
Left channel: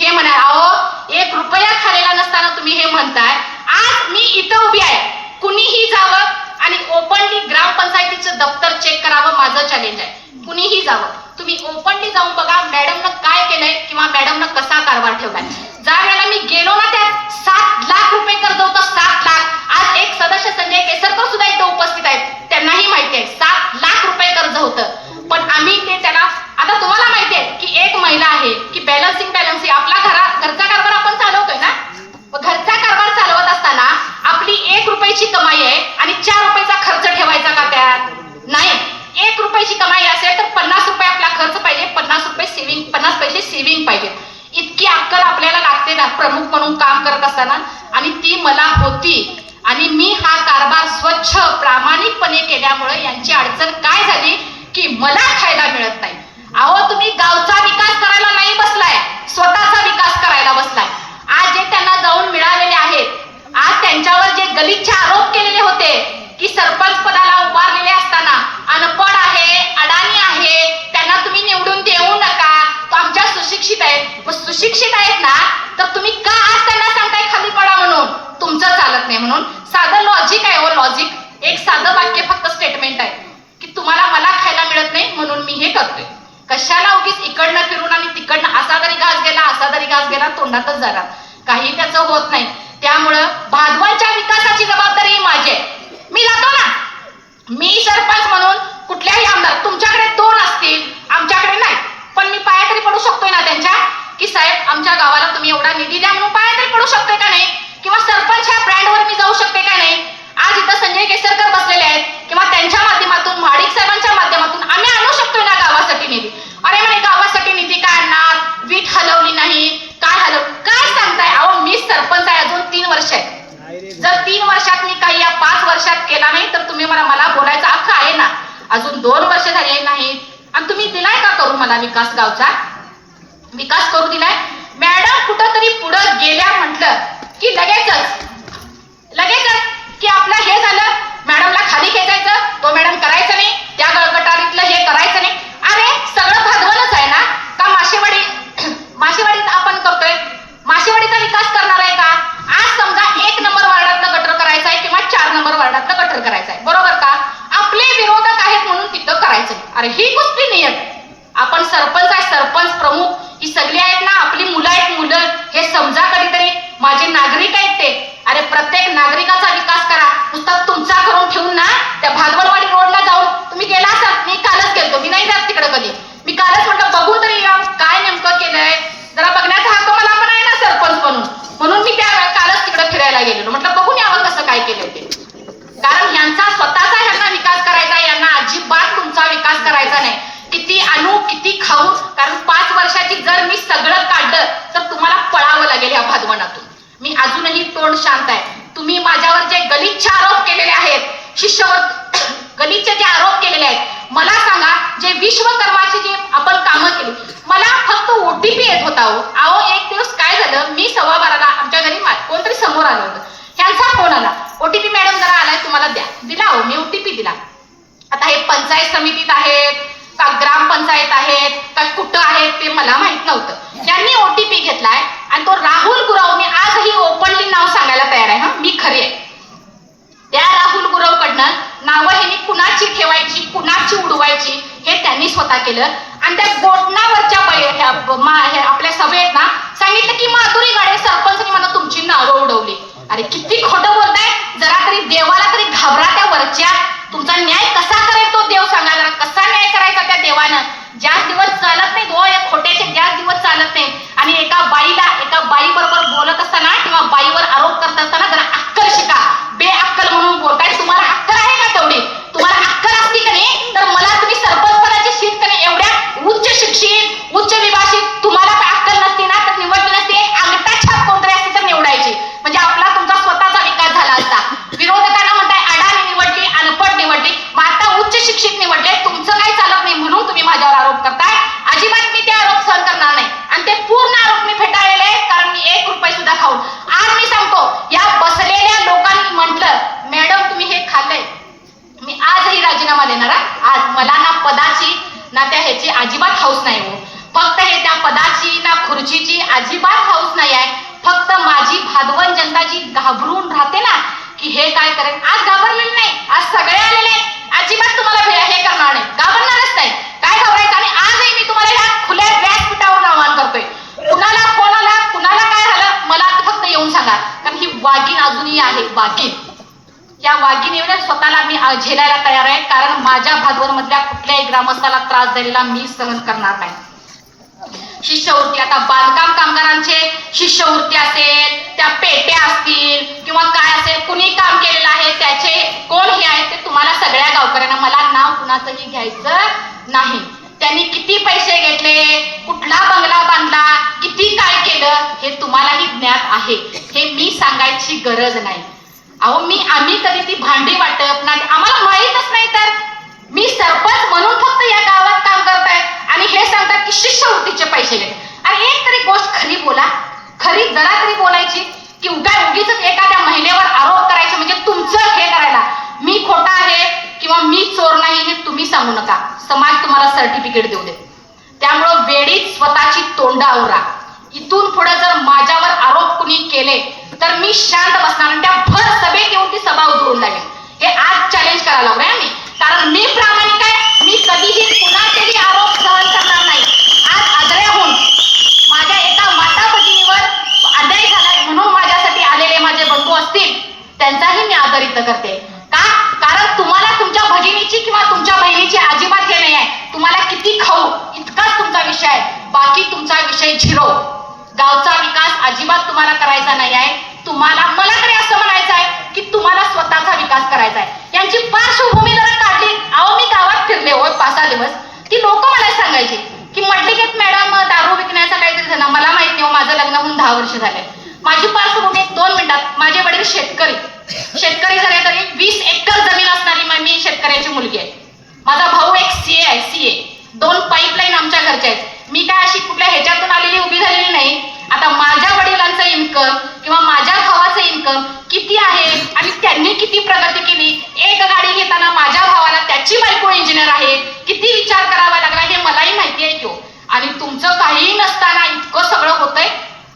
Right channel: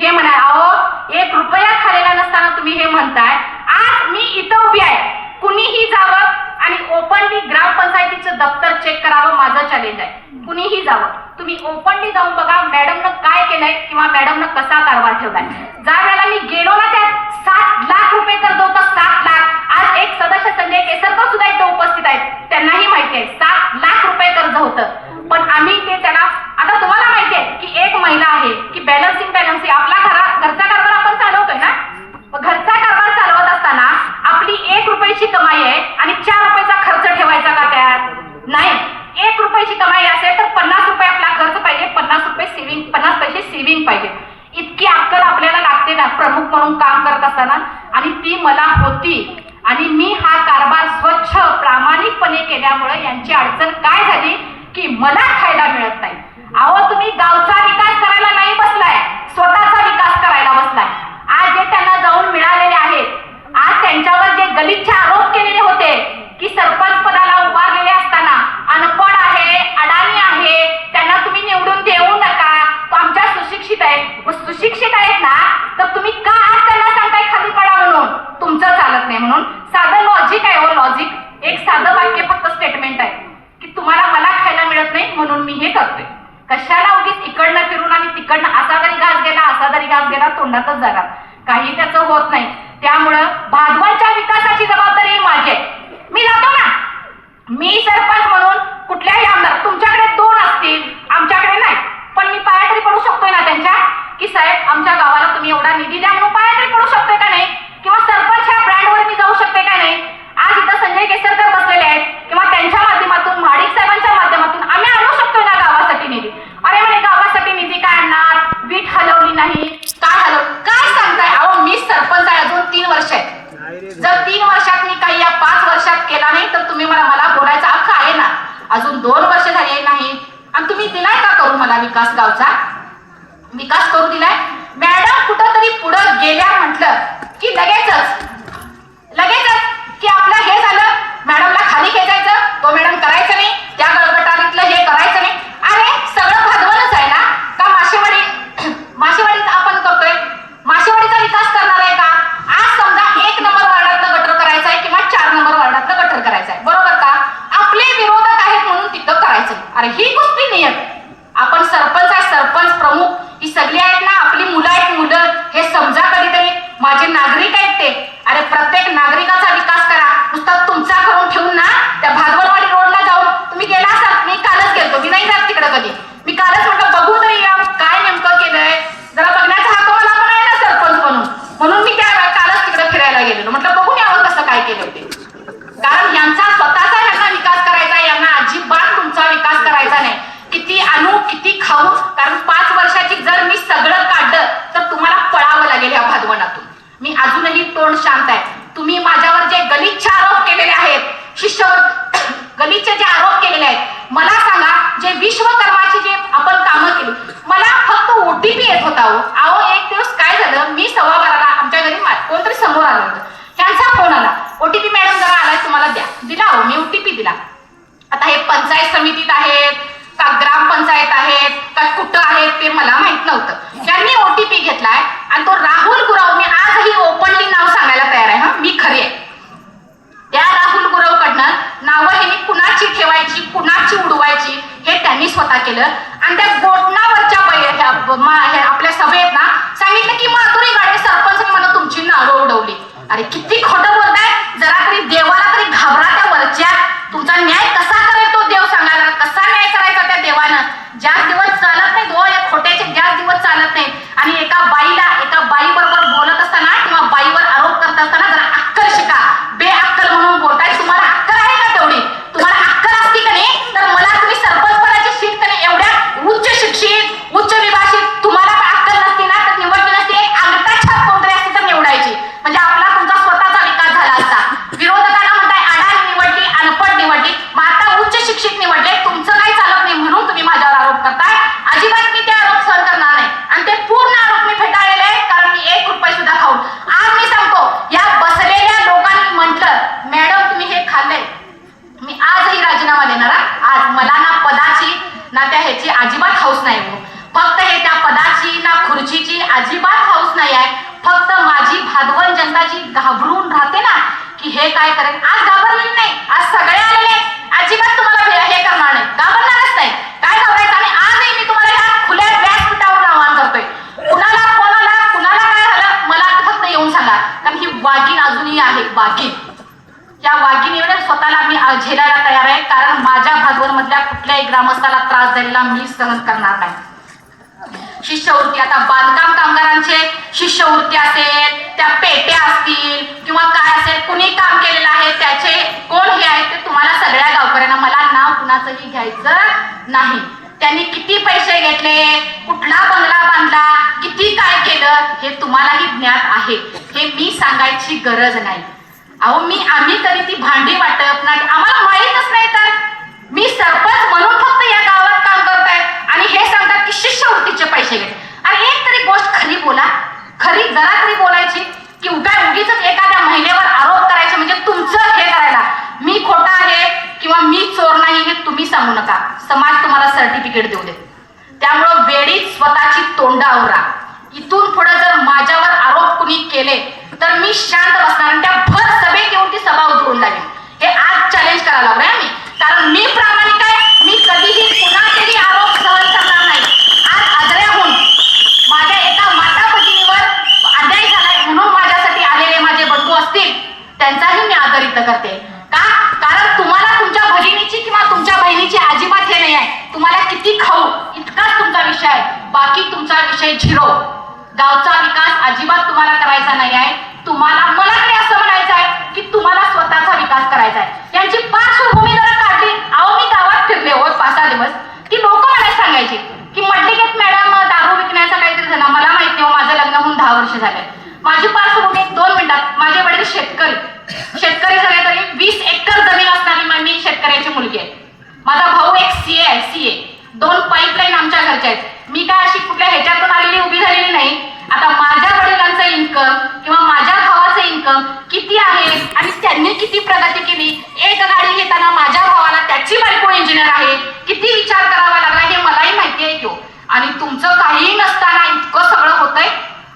हे म्हणा. अहो, 1 रुपया खाल्लेला नसताना तुम्ही हे म्हणताय. आज मी इथं उभी आहे, कुणीही जावं आणि ओपनली ग्रामपंचायतीचं दप्तर चेक करावं, माझं चॅलेंज आहे. कुणीही जावं, तुम्ही ओपनली जाऊन बघा मॅडमनं काय केलंय किंवा मॅडमनं कसा कारभार ठेवलाय. ज्या वेळेला मी गेलो ना, त्यात 7 लाख रुपये कर्ज होतं, 7 लाख. आज एक सदस्य संजय केसरकर सुद्धा इथे उपस्थित आहेत, त्यांनाही माहिती आहे 7 लाख रुपये कर्ज होतं. पण आम्ही ते त्याला, आता तुम्हाला माहिती आहे की एक महिला आहे की बॅलन्सिंग आपला घरचा कारभार आपण चालवतोय ना. घरचा कारभार चालवत असताना आपली 1 रुपयाची कमाई आहे आणि 4 रुपयाचा खर्च ठेवायचा का त्यात? नाही. 1 रुपयाची कमाई असेल तर 50 रुपये आपला खर्च पाहिजे, 50 रुपये सेव्हिंग, 50 पैसे सेव्हिंग पाहिजे. इतकी अक्कल आपल्याला लागते ना प्रमुख म्हणून काम करत असताना, आणि ती मला होती. आणि मी हा कारभार स्वच्छ प्रामाणिकपणे केल्यामुळे यांची अडचण काय झाली की मला खायला मिळत नाही. अहो, तुम्ही गावचा विकास करायला नाही बसलाय, स्वतःचा विकास करायला बसलाय. आज जे त्यांना जाऊन मिळालेले आहेत, आज त्यांच्यावर जे गलिच्छ आरोप केलेले होते की सरपंच पदाला उभारलेले असताना अनपढ आहे, अडाणी आहे, त्यांना तुम्ही निवडून देऊ नका, तो आमच्या सुशिक्षित आहेत. सुशिक्षित आहेत ना, तर तुम्ही का आज त्यांना सांगताय खाली पडा म्हणून? तुमचं चालत नाही म्हणून. साधं लॉजिक आहे हो, लॉजिक. एक साधं वाक्य फक्त स्टेटमेंट आहे की तुम्हाला मला खायला मिळत नाही म्हणून मी हे करतोय. कशाला उगीच इकडनं फिरून आणि तिकडनं असा जरी घास गेला, असा जरी घास गेला, तोंडातच जाणार, काही त्याचं होत नाही. त्यामुळं भादवाच्या विकासाची जबाबदारी माझी आहे. मी जातो ना, मी सरपंच म्हणून कुठल्याही आमदार, तुमच्याकडे 2 असतील, आमच्याकडे नाही, पण मी पाया तरी पडू शकतोय ना त्यांच्या, की साहेब आमच्या गावाला तुम्ही एवढा निधी द्या म्हणून पाया तरी पडू शकतोय का नाही? किंवा सरपंच ह्या ब्रँडवर मी जाऊ शकते का नाही? आज इथं संजय केसरकर बसलेले आहेत किंवा त्यांच्या शीट हलवली नाही, काय सांगताय? अहो मी सरपंच आहे, अजून 3 वर्ष आहे. जर 3 वर्षात मी काही या 5 वर्षात केला नाही तर तुम्ही मला बोलायचा हक्क आहे ना. अजून 2 वर्ष झाले नाही आणि तुम्ही दिलाय का करू मला विकास? गावचा विकास करू दिलाय? मॅडम कुठंतरी पुढं गेल्या म्हटलं की लगेचच की आपलं हे झालं, मॅडमला खाली खेचायचं, तो मॅडम करायचं नाही, त्या गटारीतलं हे करायचं नाही. अरे सगळं भांडवलच आहे ना. का माशेवाडीचा आपण करतोय? माशेवाडीचा विकास करणार आहे का? आज समजा 1 नंबर वार्डातलं गटर करायचं आहे किंवा 4 नंबर वार्डातलं गटर करायचं आहे, बरोबर का? आपले विरोधक आहेत म्हणून तिथं करायचं. अरे ही गोष्टी नाही आहेत. आपण सरपंच आहे, सरपंच प्रमुख ही सगळी आहेत ना, आपली मुलं आहेत. मुलं हे समजा कधीतरी. माझे नागरिक आहेत ते. अरे प्रत्येक नागरिकाचा विकास करा. नुसता तुमचा करून ठेवून ना त्या भादवलवाडी रोडला जाऊन तुम्ही गेला असाल. मी कालच गेलतो, मी नाही जात तिकडे कधी. मी कालच म्हटलं बघू तरी या काय नेमकं केलंय, जरा बघण्याचा हक्क मला पण आहे ना सरपंच म्हणून मी त्या कालच तिकडे फिरायला गेलेलो. म्हटलं बघून यावं कसं काय केलंय ते. कारण यांचा स्वतःचा यांना विकास करायचा, यांना अजिबात तुमचा विकास करायचा नाही. किती आणू किती खाऊ, कारण 5 वर्षाची जर मी सगळं काढलं तर तुम्हाला पळावं लागेल या भादवनातून. मी अजूनही तोंड शांत आहे. तुम्ही माझ्यावर जे गलिच्छ आरोप केलेले आहेत, गलिच्छ जे आरोप केलेले आहेत, मला सांगा जे विश्वकर्माची जे आपण कामं केली, मला फक्त ओटीपी येत होता. अहो एक दिवस काय झालं, मी 12:15ला आमच्या घरी कोणतरी समोर आलं होतं, त्यांचा फोन आला, ओटीपी मॅडम जरा आलाय तुम्हाला द्या. दिला हो, मी ओटीपी दिला. आता हे पंचायत समितीत आहेत का ग्रामपंचायत आहेत का कुठं आहेत ते मला माहित नव्हतं. त्यांनी ओटीपी घेतलाय आणि तो राहुल गुराव, मी आजही ओपनली नाव सांगायला तयार आहे. मी खरी आहे. त्या राहुल गुरावकडनं नावं हे कुणाची ठेवायची कुणाची उडवायची हे त्यांनी स्वतः केलं. आणि त्या गोठणावरच्या आपल्या सभेत ना सांगितलं की माधुरी गाडे सरपंच म्हणून तुमची नावं उडवली. अरे किती खोटं बोलताय. जरा तरी देवाला तरी घाबरा. त्या वरच्या तुमचा न्याय कसा करेल तो देव सांगा. जरा कसा न्याय करायचा त्या देवानं. ज्याच दिवस चालत नाही दो या खोट्याचे ज्याच दिवस चालत नाही. आणि एका बाई बरोबर बोलत असताना किंवा बाईवर आरोप करत असताना जरा अक्कल शिका. बेअक्कल म्हणून बोलताय. तुम्हाला अक्कल आहे का तेवढी? तुम्हाला अक्कल असती का नाही तर मला तुम्ही सरपंच पदाची सीट का एवढ्या उच्च शिक्षित उच्च विभाषित तुम्हाला अक्कल नसती ना तर निवडली नसती. एक अंगठा छाप कोणतरी असती तर निवडायची, म्हणजे आपला तुमचा स्वतःचा विकास झाला असता. विरोधकांना म्हणताय अडाणी निवडली, अनपढ निवडली, मग आता उच्च शिक्षित निवडले, तुमचं काही चालत नाही म्हणून तुम्ही माझ्यावर आरोप करताय. अजिबात मी ते आरोप सहन करणार नाही आणि ते पूर्ण आरोप मी फेटाळलेले आहेत. कारण मी 1 रुपये सुद्धा खाऊन आज मी सांगतो या बसलेल्या लोकांनी म्हटलं मॅडम तुम्ही हे खाल्लंय, मी आजही राजीनामा देणार. आज मला ना पदाची ना त्या ह्याची अजिबात हौस नाही हो. फक्त हे त्या पदाची ना खुर्चीची अजिबात हौस नाही आहे. फक्त माझी भादवण जनता जी घाबरून राहते ना की हे काय करेल, आज घाबरलेली नाही. आज सगळे आलेले अजिबात तुम्हाला हे करणार नाही, घाबरणारच नाही. काय घाबरायचं? आणि आजही मी तुम्हाला ह्या खुल्या व्यासपीठावर आवाहन करतोय. कुणाला काय झालं मला फक्त येऊन सांगा. कारण ही वाघीण अजूनही आहे. वाघीण या वाघिणीवर स्वतःला मी झेलायला तयार आहे. कारण माझ्या भादवण मधल्या कुठल्याही ग्रामस्थाला त्रास झालेला मी सहन करणार नाही. शिष्यवृत्ती, आता बांधकाम कामगारांचे शिष्यवृत्ती असेल, त्या पेट्या असतील किंवा काय असेल, कुणी काम केलेलं आहे त्याचे कोण हे आहेत ते तुम्हाला सगळ्या गावकऱ्यांना, मला नाव कुणाचंही घ्यायचं नाही. त्यांनी किती पैसे घेतले, कुठला बंगला बांधला, किती काय केलं हे तुम्हालाही ज्ञात आहे. हे मी सांगायची गरज नाही. अहो आम्ही कधी ती भांडी वाटप ना आम्हाला माहीतच नाही. तर मी सरपंच म्हणून फक्त या गावात काम करताय आणि हे सांगतात की शिष्यवृत्तीचे पैसे घेत. आणि एक तरी गोष्ट खरी बोला, खरी जरा तरी बोलायची की उगीच एखाद्या महिलेवर आरोप करायचे म्हणजे तुमचं हे करायला मी खोटा आहे किंवा मी चोर नाही हे तुम्ही सांगू नका. समाज तुम्हाला सर्टिफिकेट देऊ दे. त्यामुळं वेळीच स्वतःची तोंड आवरा. इथून पुढे जर माझ्यावर आरोप कुणी केले तर मी शांत बसणार आणि त्या भर सभेत येऊन ती सभा उधळून जाईल. हे आज चॅलेंज करायला लागलोय आम्ही. कारण मी प्रामाणिक आहे. मी कधीही कुणाचेही आरोप सहन करणार नाही. आज आदळ्याहून माझ्या एका माता भगिनीवर अन्याय झालाय म्हणून माझ्यासाठी आलेले माझे बंधू असतील त्यांचाही मी आदर इथं करते. का? कारण तुम्हाला तुमच्या भगिनीची किंवा तुमच्या बहिणीची अजिबात हे नाही आहे. तुम्हाला किती खाऊ इतकाच तुमचा विषय आहे. बाकी तुमचा विषय 0. गावचा विकास अजिबात तुम्हाला करायचा नाही आहे. तुम्हाला मला तरी असं म्हणायचं आहे की तुम्हाला स्वतःचा विकास करायचा आहे. यांची पार्श्वभूमी जरा काढली. अहो मी गावात फिरले हो 5-6 दिवस. ती लोक मला सांगायची की मडलिकेत मॅडम दारू विकण्याचा काहीतरी धंदा. माझा भाऊ एक सीए आहे, सीए. 2 पाईपलाईन आमच्या घरच्या आहेत. मी काय अशी कुठल्या ह्याच्यातून आलेली उभी झालेली नाही. आता माझ्या वडिलांचं इन्कम किंवा माझ्या भावाचं इन्कम किती आहे आणि त्यांनी किती प्रगती केली. एक गाडी घेताना माझ्या भावाला त्याची बायको इंजिनियर आहे, किती विचार करावा लागला हे मलाही माहिती आहे की. आणि तुमचं काहीही नसताना इतकं सगळं होतंय.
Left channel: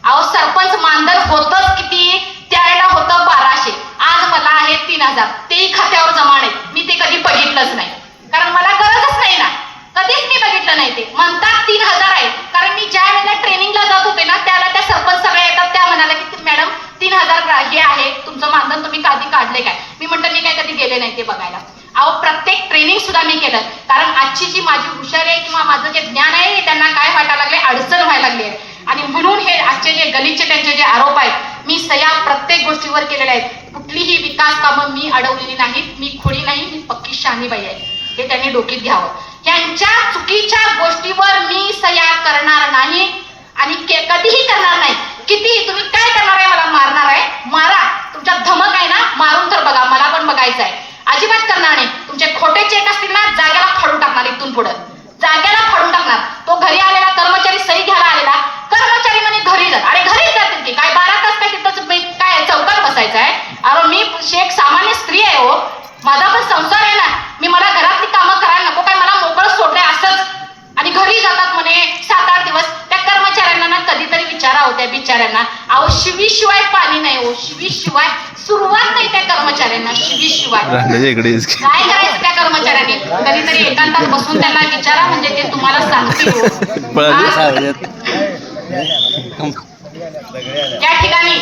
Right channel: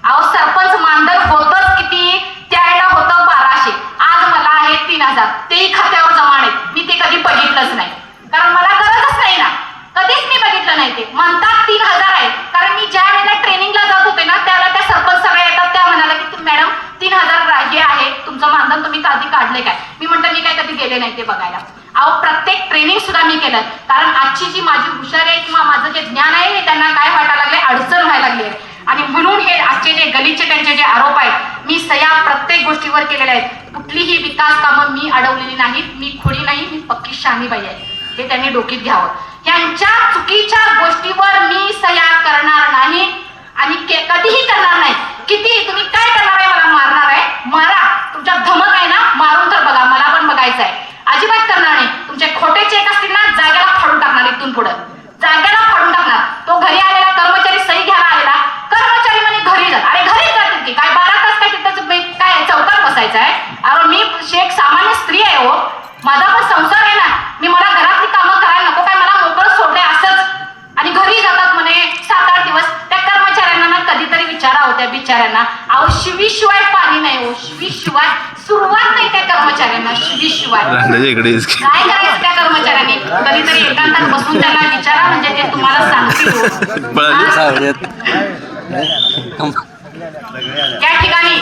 अहो सरपंच मानधन होतच किती, त्यावेळेला होतं 1200, आज मला आहे 3000. तेही खात्यावर जमा आहेत. मी ते कधी बघितलंच नाही, कारण मला गरजच नाही ना, कधीच मी बघितलं नाही. ते म्हणतात 3000 आहे, कारण मी ज्या वेळेला ट्रेनिंगला जात होते ना त्याला त्या सरपंच सगळ्या येतात, त्या म्हणाला की मॅडम 3000 हे आहे तुमचं मानधन, तुम्ही कधी काढले काय. मी म्हटलं मी काय कधी गेले नाही ते बघायला. अहो प्रत्येक ट्रेनिंग सुद्धा मी केलं, कारण आजची जी माझी हुशारी आहे किंवा माझं जे ज्ञान आहे त्यांना काय वाटायला लागले, अडचण व्हायला लागली आहे. आणि म्हणून हे आजचे जे गलिच्छ त्यांचे जे आरोप आहेत मी सह्या प्रत्येक गोष्टीवर केलेल्या आहेत. कुठलीही विकास कामं मी अडवलेली नाहीत. मी खोडी नाही, मी पक्की शहाणीबाई आहे, हे त्यांनी डोकीत घ्यावं. यांच्या चुकीच्या गोष्टीवर मी सह्या करणार नाही आणि कधीही करणार नाही. किती तुम्ही काय करणार आहे, मला मारणार आहे, मारा. तुमच्या धमक आहे ना, मारून तर बघा, मला पण बघायचं आहे. अजिबात करणार नाही. तुमचे खोटे चेक असतील ना, जागेला फाडून टाकणार, इथून पुढं जागेला फाडून टाकणार. तो घरी आलेला कर्मचारी सही घ्यायला आलेला कर्मचारी म्हणे घरी जा. अरे घरीच जातील की काय, 12 तास काय तिथं काय चौकात बसायचं आहे. अरे मी एक सामान्य स्त्री आहे हो, माझा पण संसार आहे ना, मी मला घरातली कामं करायला नको काय, मला मोकळं सोडलंय असंच. आणि घरी जातात म्हणे 7-8 दिवस. त्या कर्मचाऱ्यांना ना कधीतरी विचारा होत्या बिचाऱ्यांना, अहो शिवीशिवाय पाणी नाही हो, शिवीशिवाय सुरुवात नाही त्या कर्मचाऱ्यांना, शिवीशिवाय काय करायचं त्या कर्मचाऱ्यांनी. कधीतरी एकांतात बसून त्यांना विचारा, म्हणजे ते तुम्हाला सांगतील हो. त्या ठिकाणी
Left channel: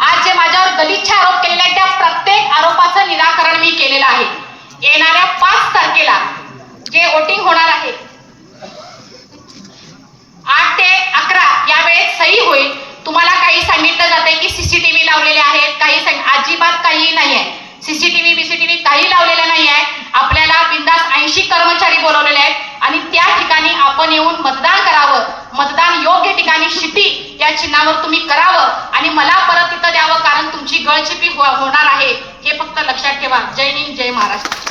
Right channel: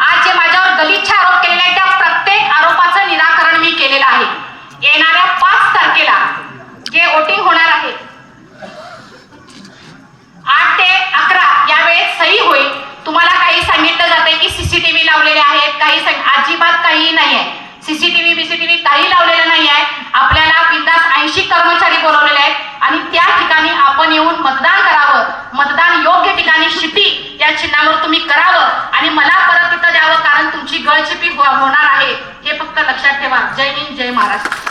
आज जे माझ्यावर गलिच्छ आरोप केलेले आहेत त्या प्रत्येक आरोपाचं निराकरण मी केलेलं आहे. येणाऱ्या 5 तारखेला जे वोटिंग होणार आहे 8 ते 11 या वेळेत सही होईल. तुम्हाला काही सांगितलं जाते की सीसीटीव्ही लावलेले आहेत, काही अजिबात काही नाही आहे. सीसीटीव्ही काही लावलेलं नाही आहे. आपल्याला बिंदास 80 कर्मचारी बोलवलेले आहेत आणि त्या ठिकाणी आपण येऊन मतदान करावं. मतदान योग्य ठिकाणी शिटी या चिन्हावर तुम्ही करावं आणि मला परत तिथं द्यावं, कारण तुमची गळचिपी होणार आहे हे फक्त लक्षात ठेवा. जय हिंद, जय महाराष्ट्र.